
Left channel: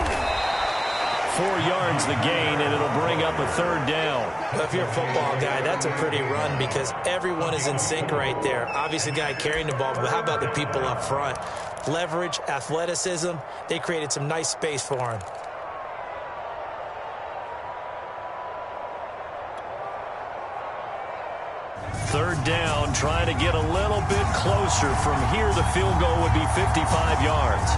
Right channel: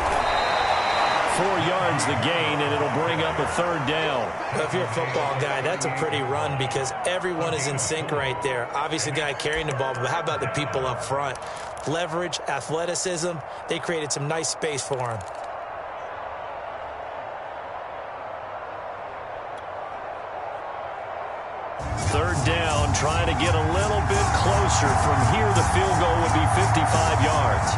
4 yards the gain, and it'll bring up a third down. Well, if you're a football guy, that's a pretty run because everyone is in sync right there. Obviously, the guy carrying the ball, but how about the people up front? Leverage, athleticism, they created some nice space for him. Third down, trying to get a little bit closer. From here, the field goal would be 55 yards.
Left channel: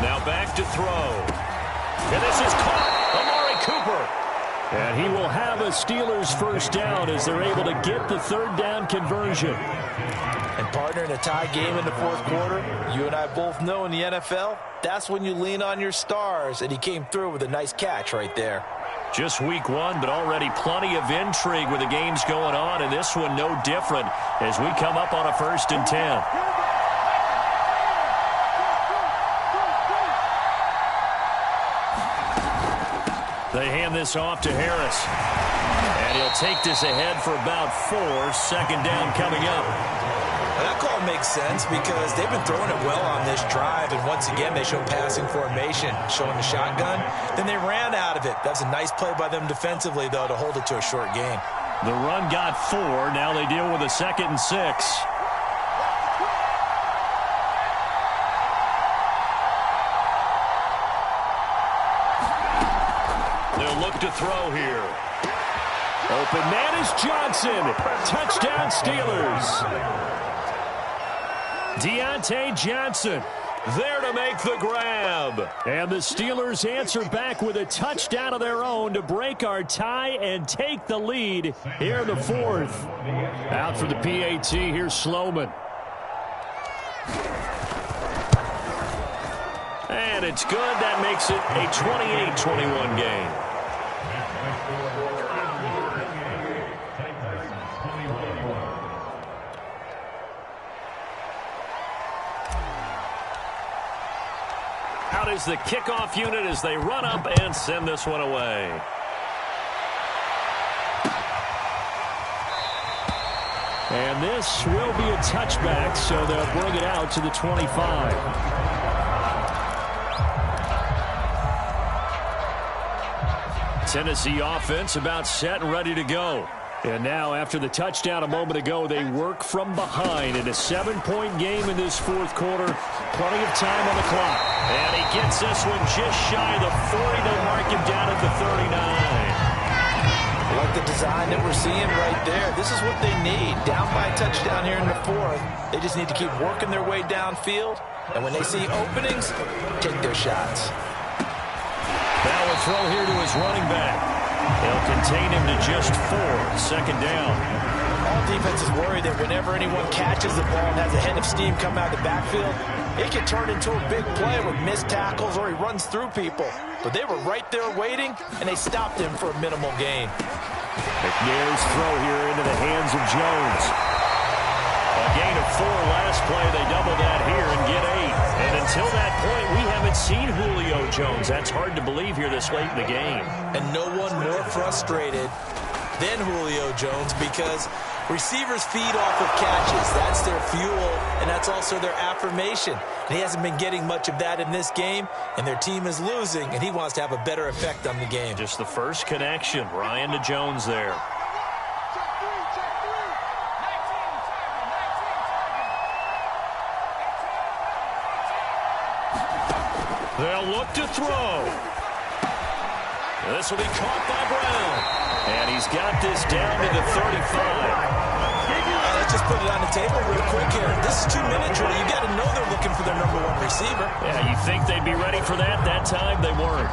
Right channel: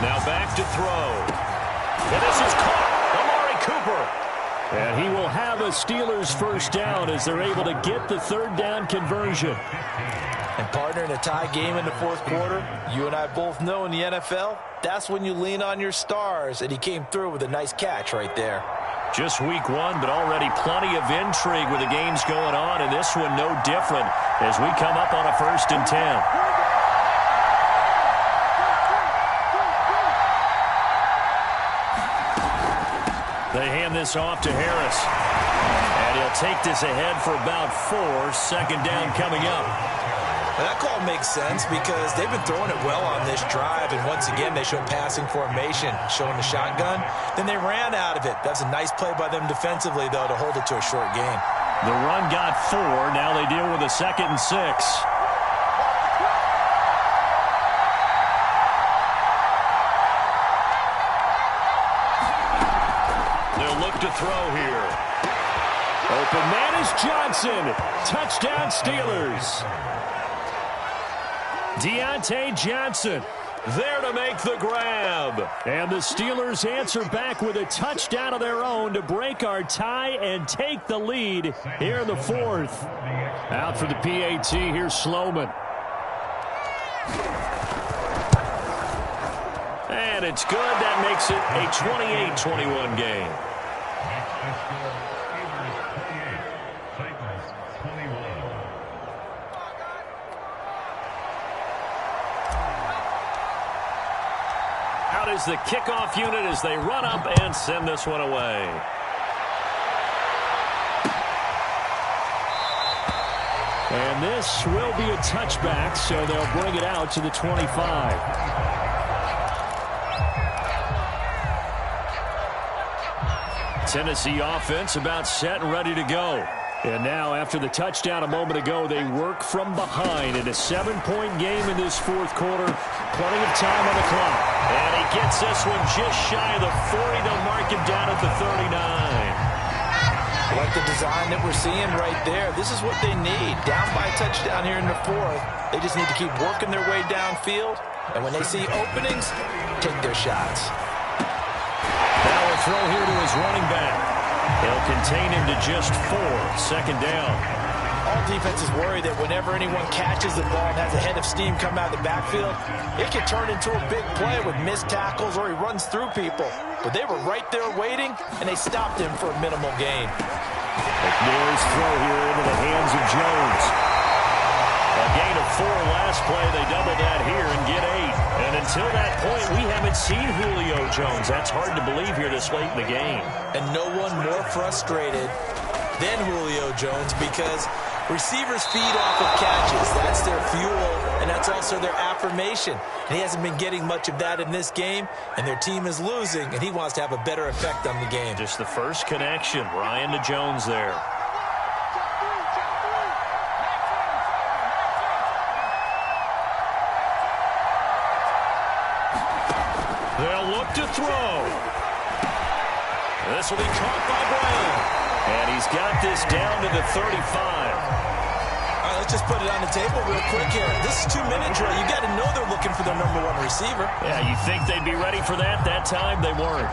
Now back to throw. And this is caught. Amari Cooper. And he will have a Steelers first down as they're able to get the third down conversion. And partner, in a tie game in the fourth quarter, you and I both know in the NFL, that's when you lean on your stars, and he came through with a nice catch right there. Just week 1, but already plenty of intrigue with the games going on, and this one no different as we come up on a 1st and 10. They hand this off to Harris. And he'll take this ahead for about 4. 2nd down coming up. Well, that call makes sense because they've been throwing it well on this drive, and once again they show passing formation, showing the shotgun. Then they ran out of it. That's a nice play by them defensively, though, to hold it to a short gain. The run got 4. Now they deal with a 2nd and 6. They'll look to throw here. Open man is Johnson. Touchdown Steelers. Deontay Johnson there to make the grab. And the Steelers answer back with a touchdown of their own to break our tie and take the lead here in the fourth. Out for the PAT, here's Sloman. And it's good. That makes it a 28-21 game. Out is the kickoff unit as they run up and send this one away. And this will be a touchback, so they'll bring it out to the 25. Tennessee offense about set and ready to go. And now, after the touchdown a moment ago, they work from behind in a 7-point game in this fourth quarter. Plenty of time on the clock. And he gets this one just shy of the 40. They'll mark him down at the 39. I like the design that we're seeing right there. This is what they need. Down by a touchdown here in the fourth. They just need to keep working their way downfield. And when they see openings, take their shots. Now a throw here to his running back. They'll contain him to just 4. Second down. All defenses worry that whenever anyone catches the ball and has a head of steam come out of the backfield, it can turn into a big play with missed tackles or he runs through people. But they were right there waiting, and they stopped him for a minimal gain. McNair's throw here into the hands of Jones. A gain of 4 last play. They double that here and get 8. And until that point, we haven't seen Julio Jones. That's hard to believe here this late in the game. And no one more frustrated than Julio Jones because receivers feed off of catches. That's their fuel, and that's also their affirmation. And he hasn't been getting much of that in this game, and their team is losing, and he wants to have a better effect on the game. Just the first connection. Ryan to Jones there. They'll look to throw. This will be caught by Brown. And he's got this down to the 35. All right, let's just put it on the table real quick here. This is 2-minute drill. You got to know they're looking for their number 1 receiver. Yeah, you think they'd be ready for that? That time they weren't.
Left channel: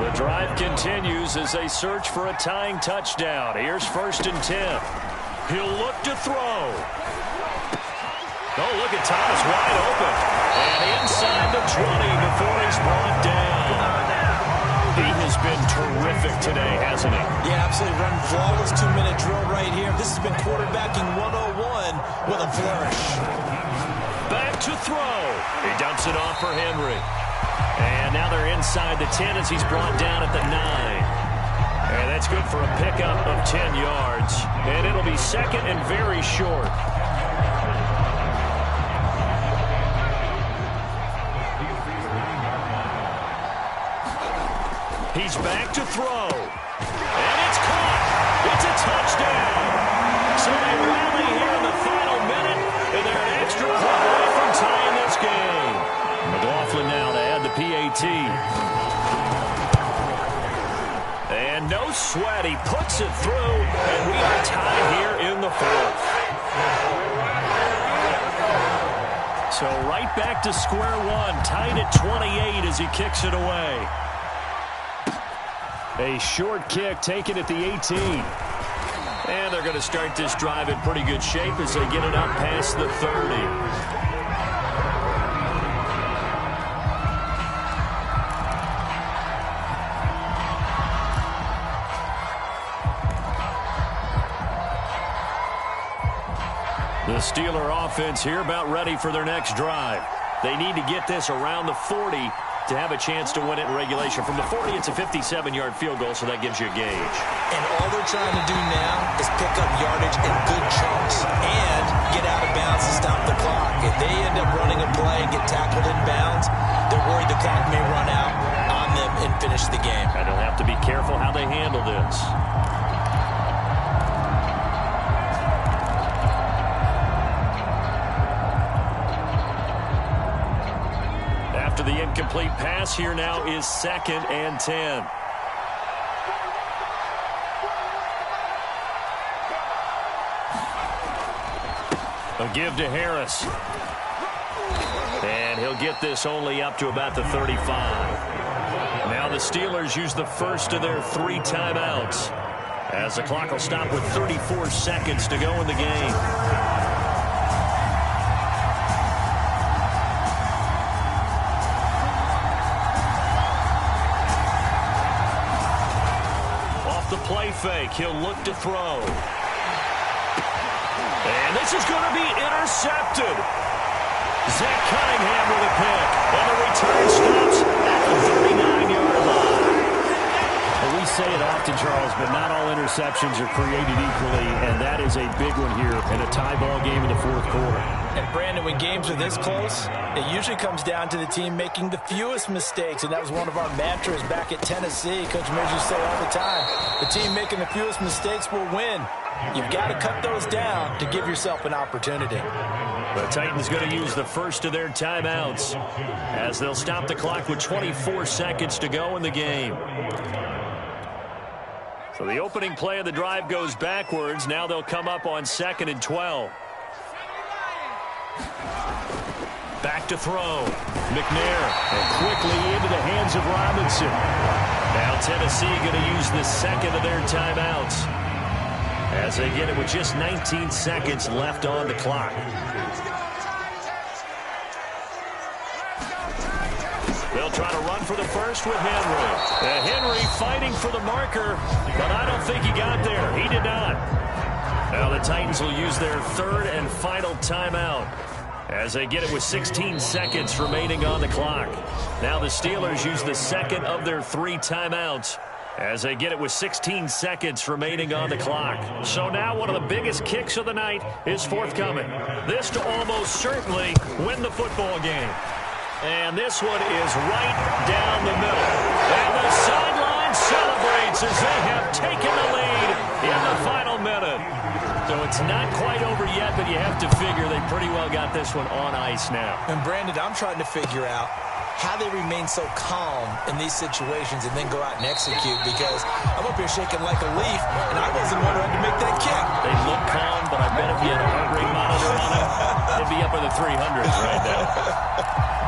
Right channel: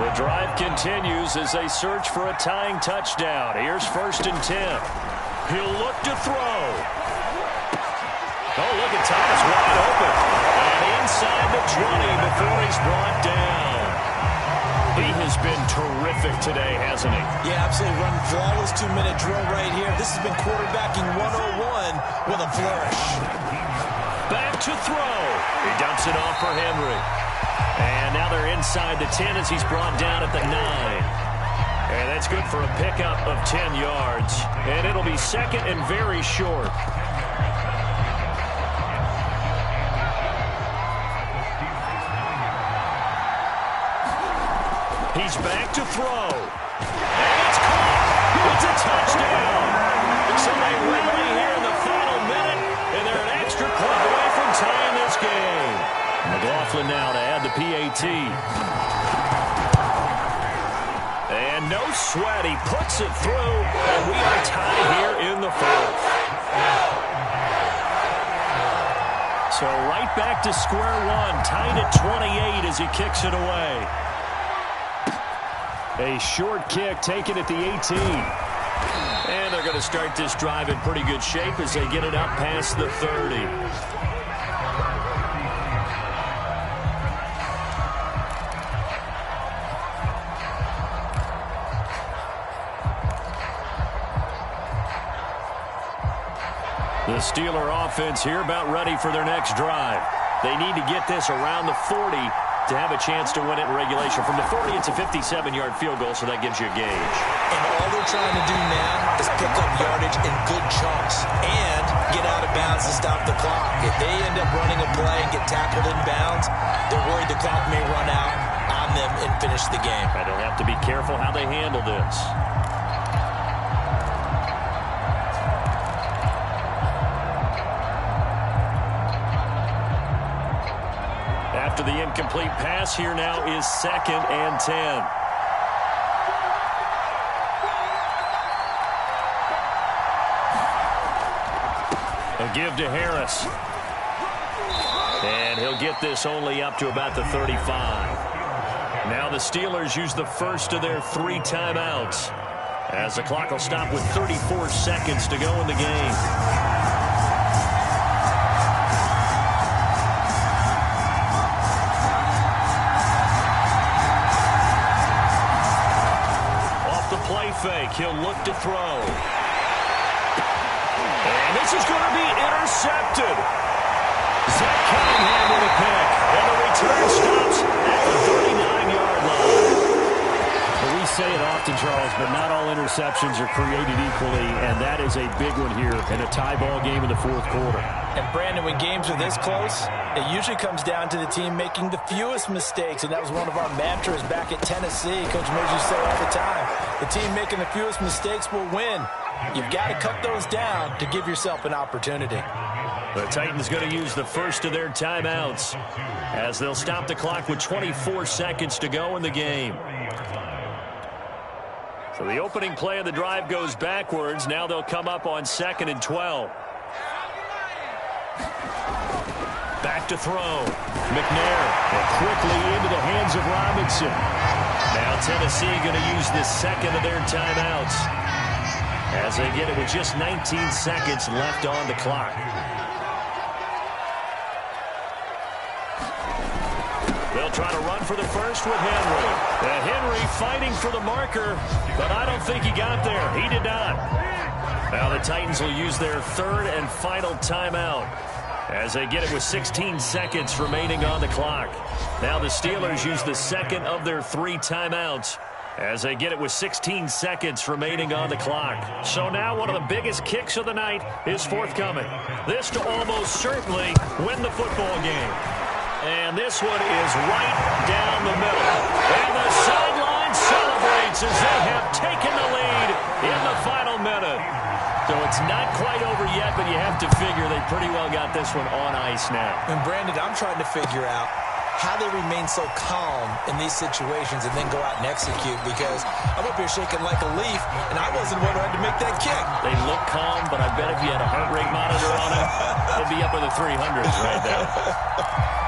The drive continues as they search for a tying touchdown. Here's 1st and 10. He'll look to throw. Oh, look at Thomas wide open. And inside the 20 before he's brought down. He has been terrific today, hasn't he? Yeah, absolutely. Run flawless 2-minute drill right here. This has been quarterbacking 101 with a flourish. Back to throw. He dumps it off for Henry. And now they're inside the 10 as he's brought down at the 9. And that's good for a pickup of 10 yards. And it'll be second and very short. He's back to throw. And it's caught. It's a touchdown. So they rally here in the final minute, and they're an extra point away from tying this game. McLaughlin now to add the PAT. And no sweat. He puts it through, and we are tied here in the fourth. So right back to square one, tied at 28 as he kicks it away. A short kick taken at the 18. And they're going to start this drive in pretty good shape as they get it up past the 30. The Steeler offense here about ready for their next drive. They need to get this around the 40 to have a chance to win it in regulation. From the 40, it's a 57-yard field goal, so that gives you a gauge. And all they're trying to do now is pick up yardage in good chunks and get out of bounds to stop the clock. If they end up running a play and get tackled in bounds, they're worried the clock may run out on them and finish the game. And they'll have to be careful how they handle this. After the incomplete pass, here now is 2nd and 10. A give to Harris. they'll get this only up to about the 35. Now the Steelers use the first of their 3 timeouts, as the clock will stop with 34 seconds to go in the game. Off the play fake, he'll look to throw. And this is going to be intercepted. Zach Cunningham with a pick. And the return stops at the 39-yard line. Well, we say it often, Charles, but not all interceptions are created equally, and that is a big one here in a tie ball game in the fourth quarter. And, Brandon, when games are this close, it usually comes down to the team making the fewest mistakes, and that was one of our mantras back at Tennessee. Coach Mears used to say all the time, the team making the fewest mistakes will win. You've got to cut those down to give yourself an opportunity. The Titans going to use the first of their timeouts as they'll stop the clock with 24 seconds to go in the game. So the opening play of the drive goes backwards. Now they'll come up on 2nd and 12. Back to throw. McNair, and quickly into the hands of Robinson. Now Tennessee going to use the second of their timeouts, as they get it with just 19 seconds left on the clock. They'll try to run for the first with Henry. Henry fighting for the marker, but I don't think he got there. He did not. Now the Titans will use their third and final timeout, as they get it with 16 seconds remaining on the clock. Now the Steelers use the second of their 3 timeouts, as they get it with 16 seconds remaining on the clock. So now one of the biggest kicks of the night is forthcoming. This to almost certainly win the football game. And this one is right down the middle. And the sideline celebrates as they have taken the lead in the final minute. So it's not quite over yet, but you have to figure they pretty well got this one on ice now. And, Brandon, I'm trying to figure out how they remain so calm in these situations and then go out and execute, because I'm up here shaking like a leaf, and I wasn't the one who had to make that kick. They look calm, but I bet if you had a heart rate monitor on it, it'd be up in the 300s right now.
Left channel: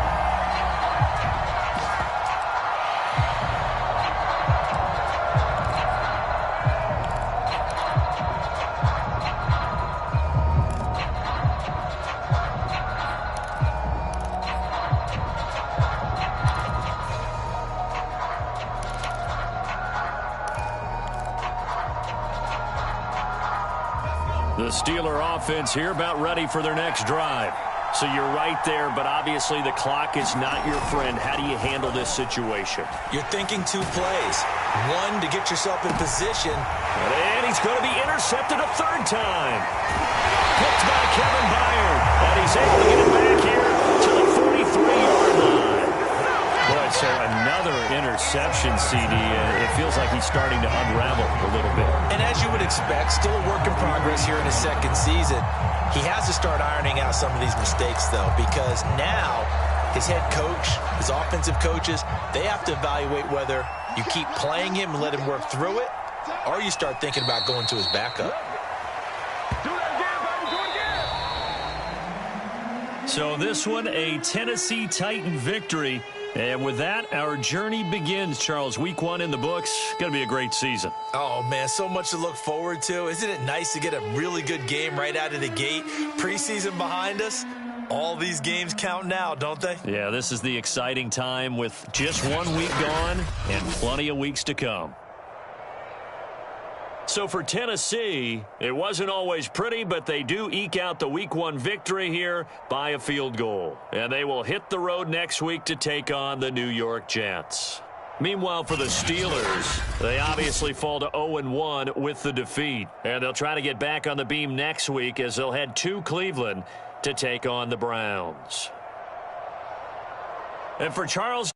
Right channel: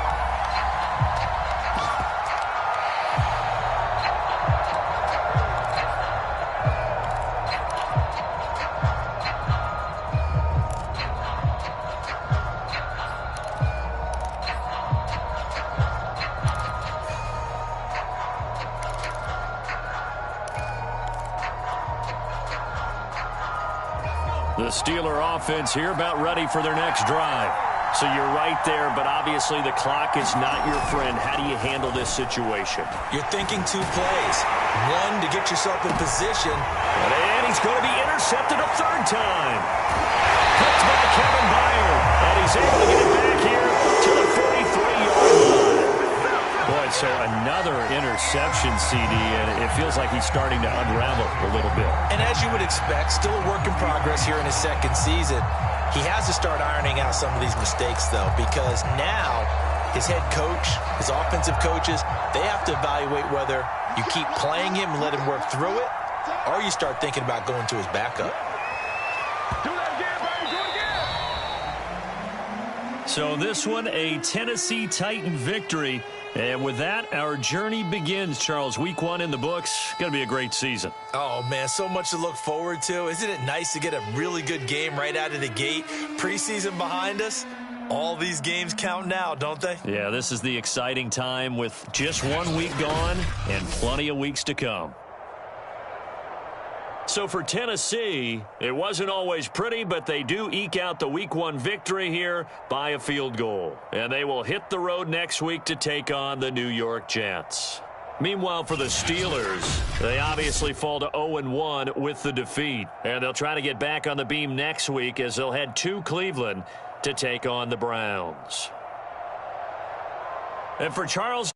The Steeler offense here about ready for their next drive. So you're right there, but obviously the clock is not your friend. How do you handle this situation? You're thinking 2 plays. One, to get yourself in position. And he's going to be intercepted a 3rd time. Picked by Kevin Byard. And he's able to get it back here to the 43-yard line. Boy, so another interception, CD, and it feels like he's starting to unravel a little bit. And as you would expect, still a work in progress here in his 2nd season. He has to start ironing out some of these mistakes, though, because now his head coach, his offensive coaches, they have to evaluate whether you keep playing him and let him work through it, or you start thinking about going to his backup. Do that again, baby. Do it again. So this one, a Tennessee Titan victory. And with that, our journey begins, Charles. Week 1 in the books. Going to be a great season. Oh, man, so much to look forward to. Isn't it nice to get a really good game right out of the gate? Preseason behind us. All these games count now, don't they? Yeah, this is the exciting time with just 1 week gone and plenty of weeks to come. So for Tennessee, it wasn't always pretty, but they do eke out the Week 1 victory here by a field goal. And they will hit the road next week to take on the New York Jets. Meanwhile, for the Steelers, they obviously fall to 0-1 with the defeat. And they'll try to get back on the beam next week as they'll head to Cleveland to take on the Browns. And for Charles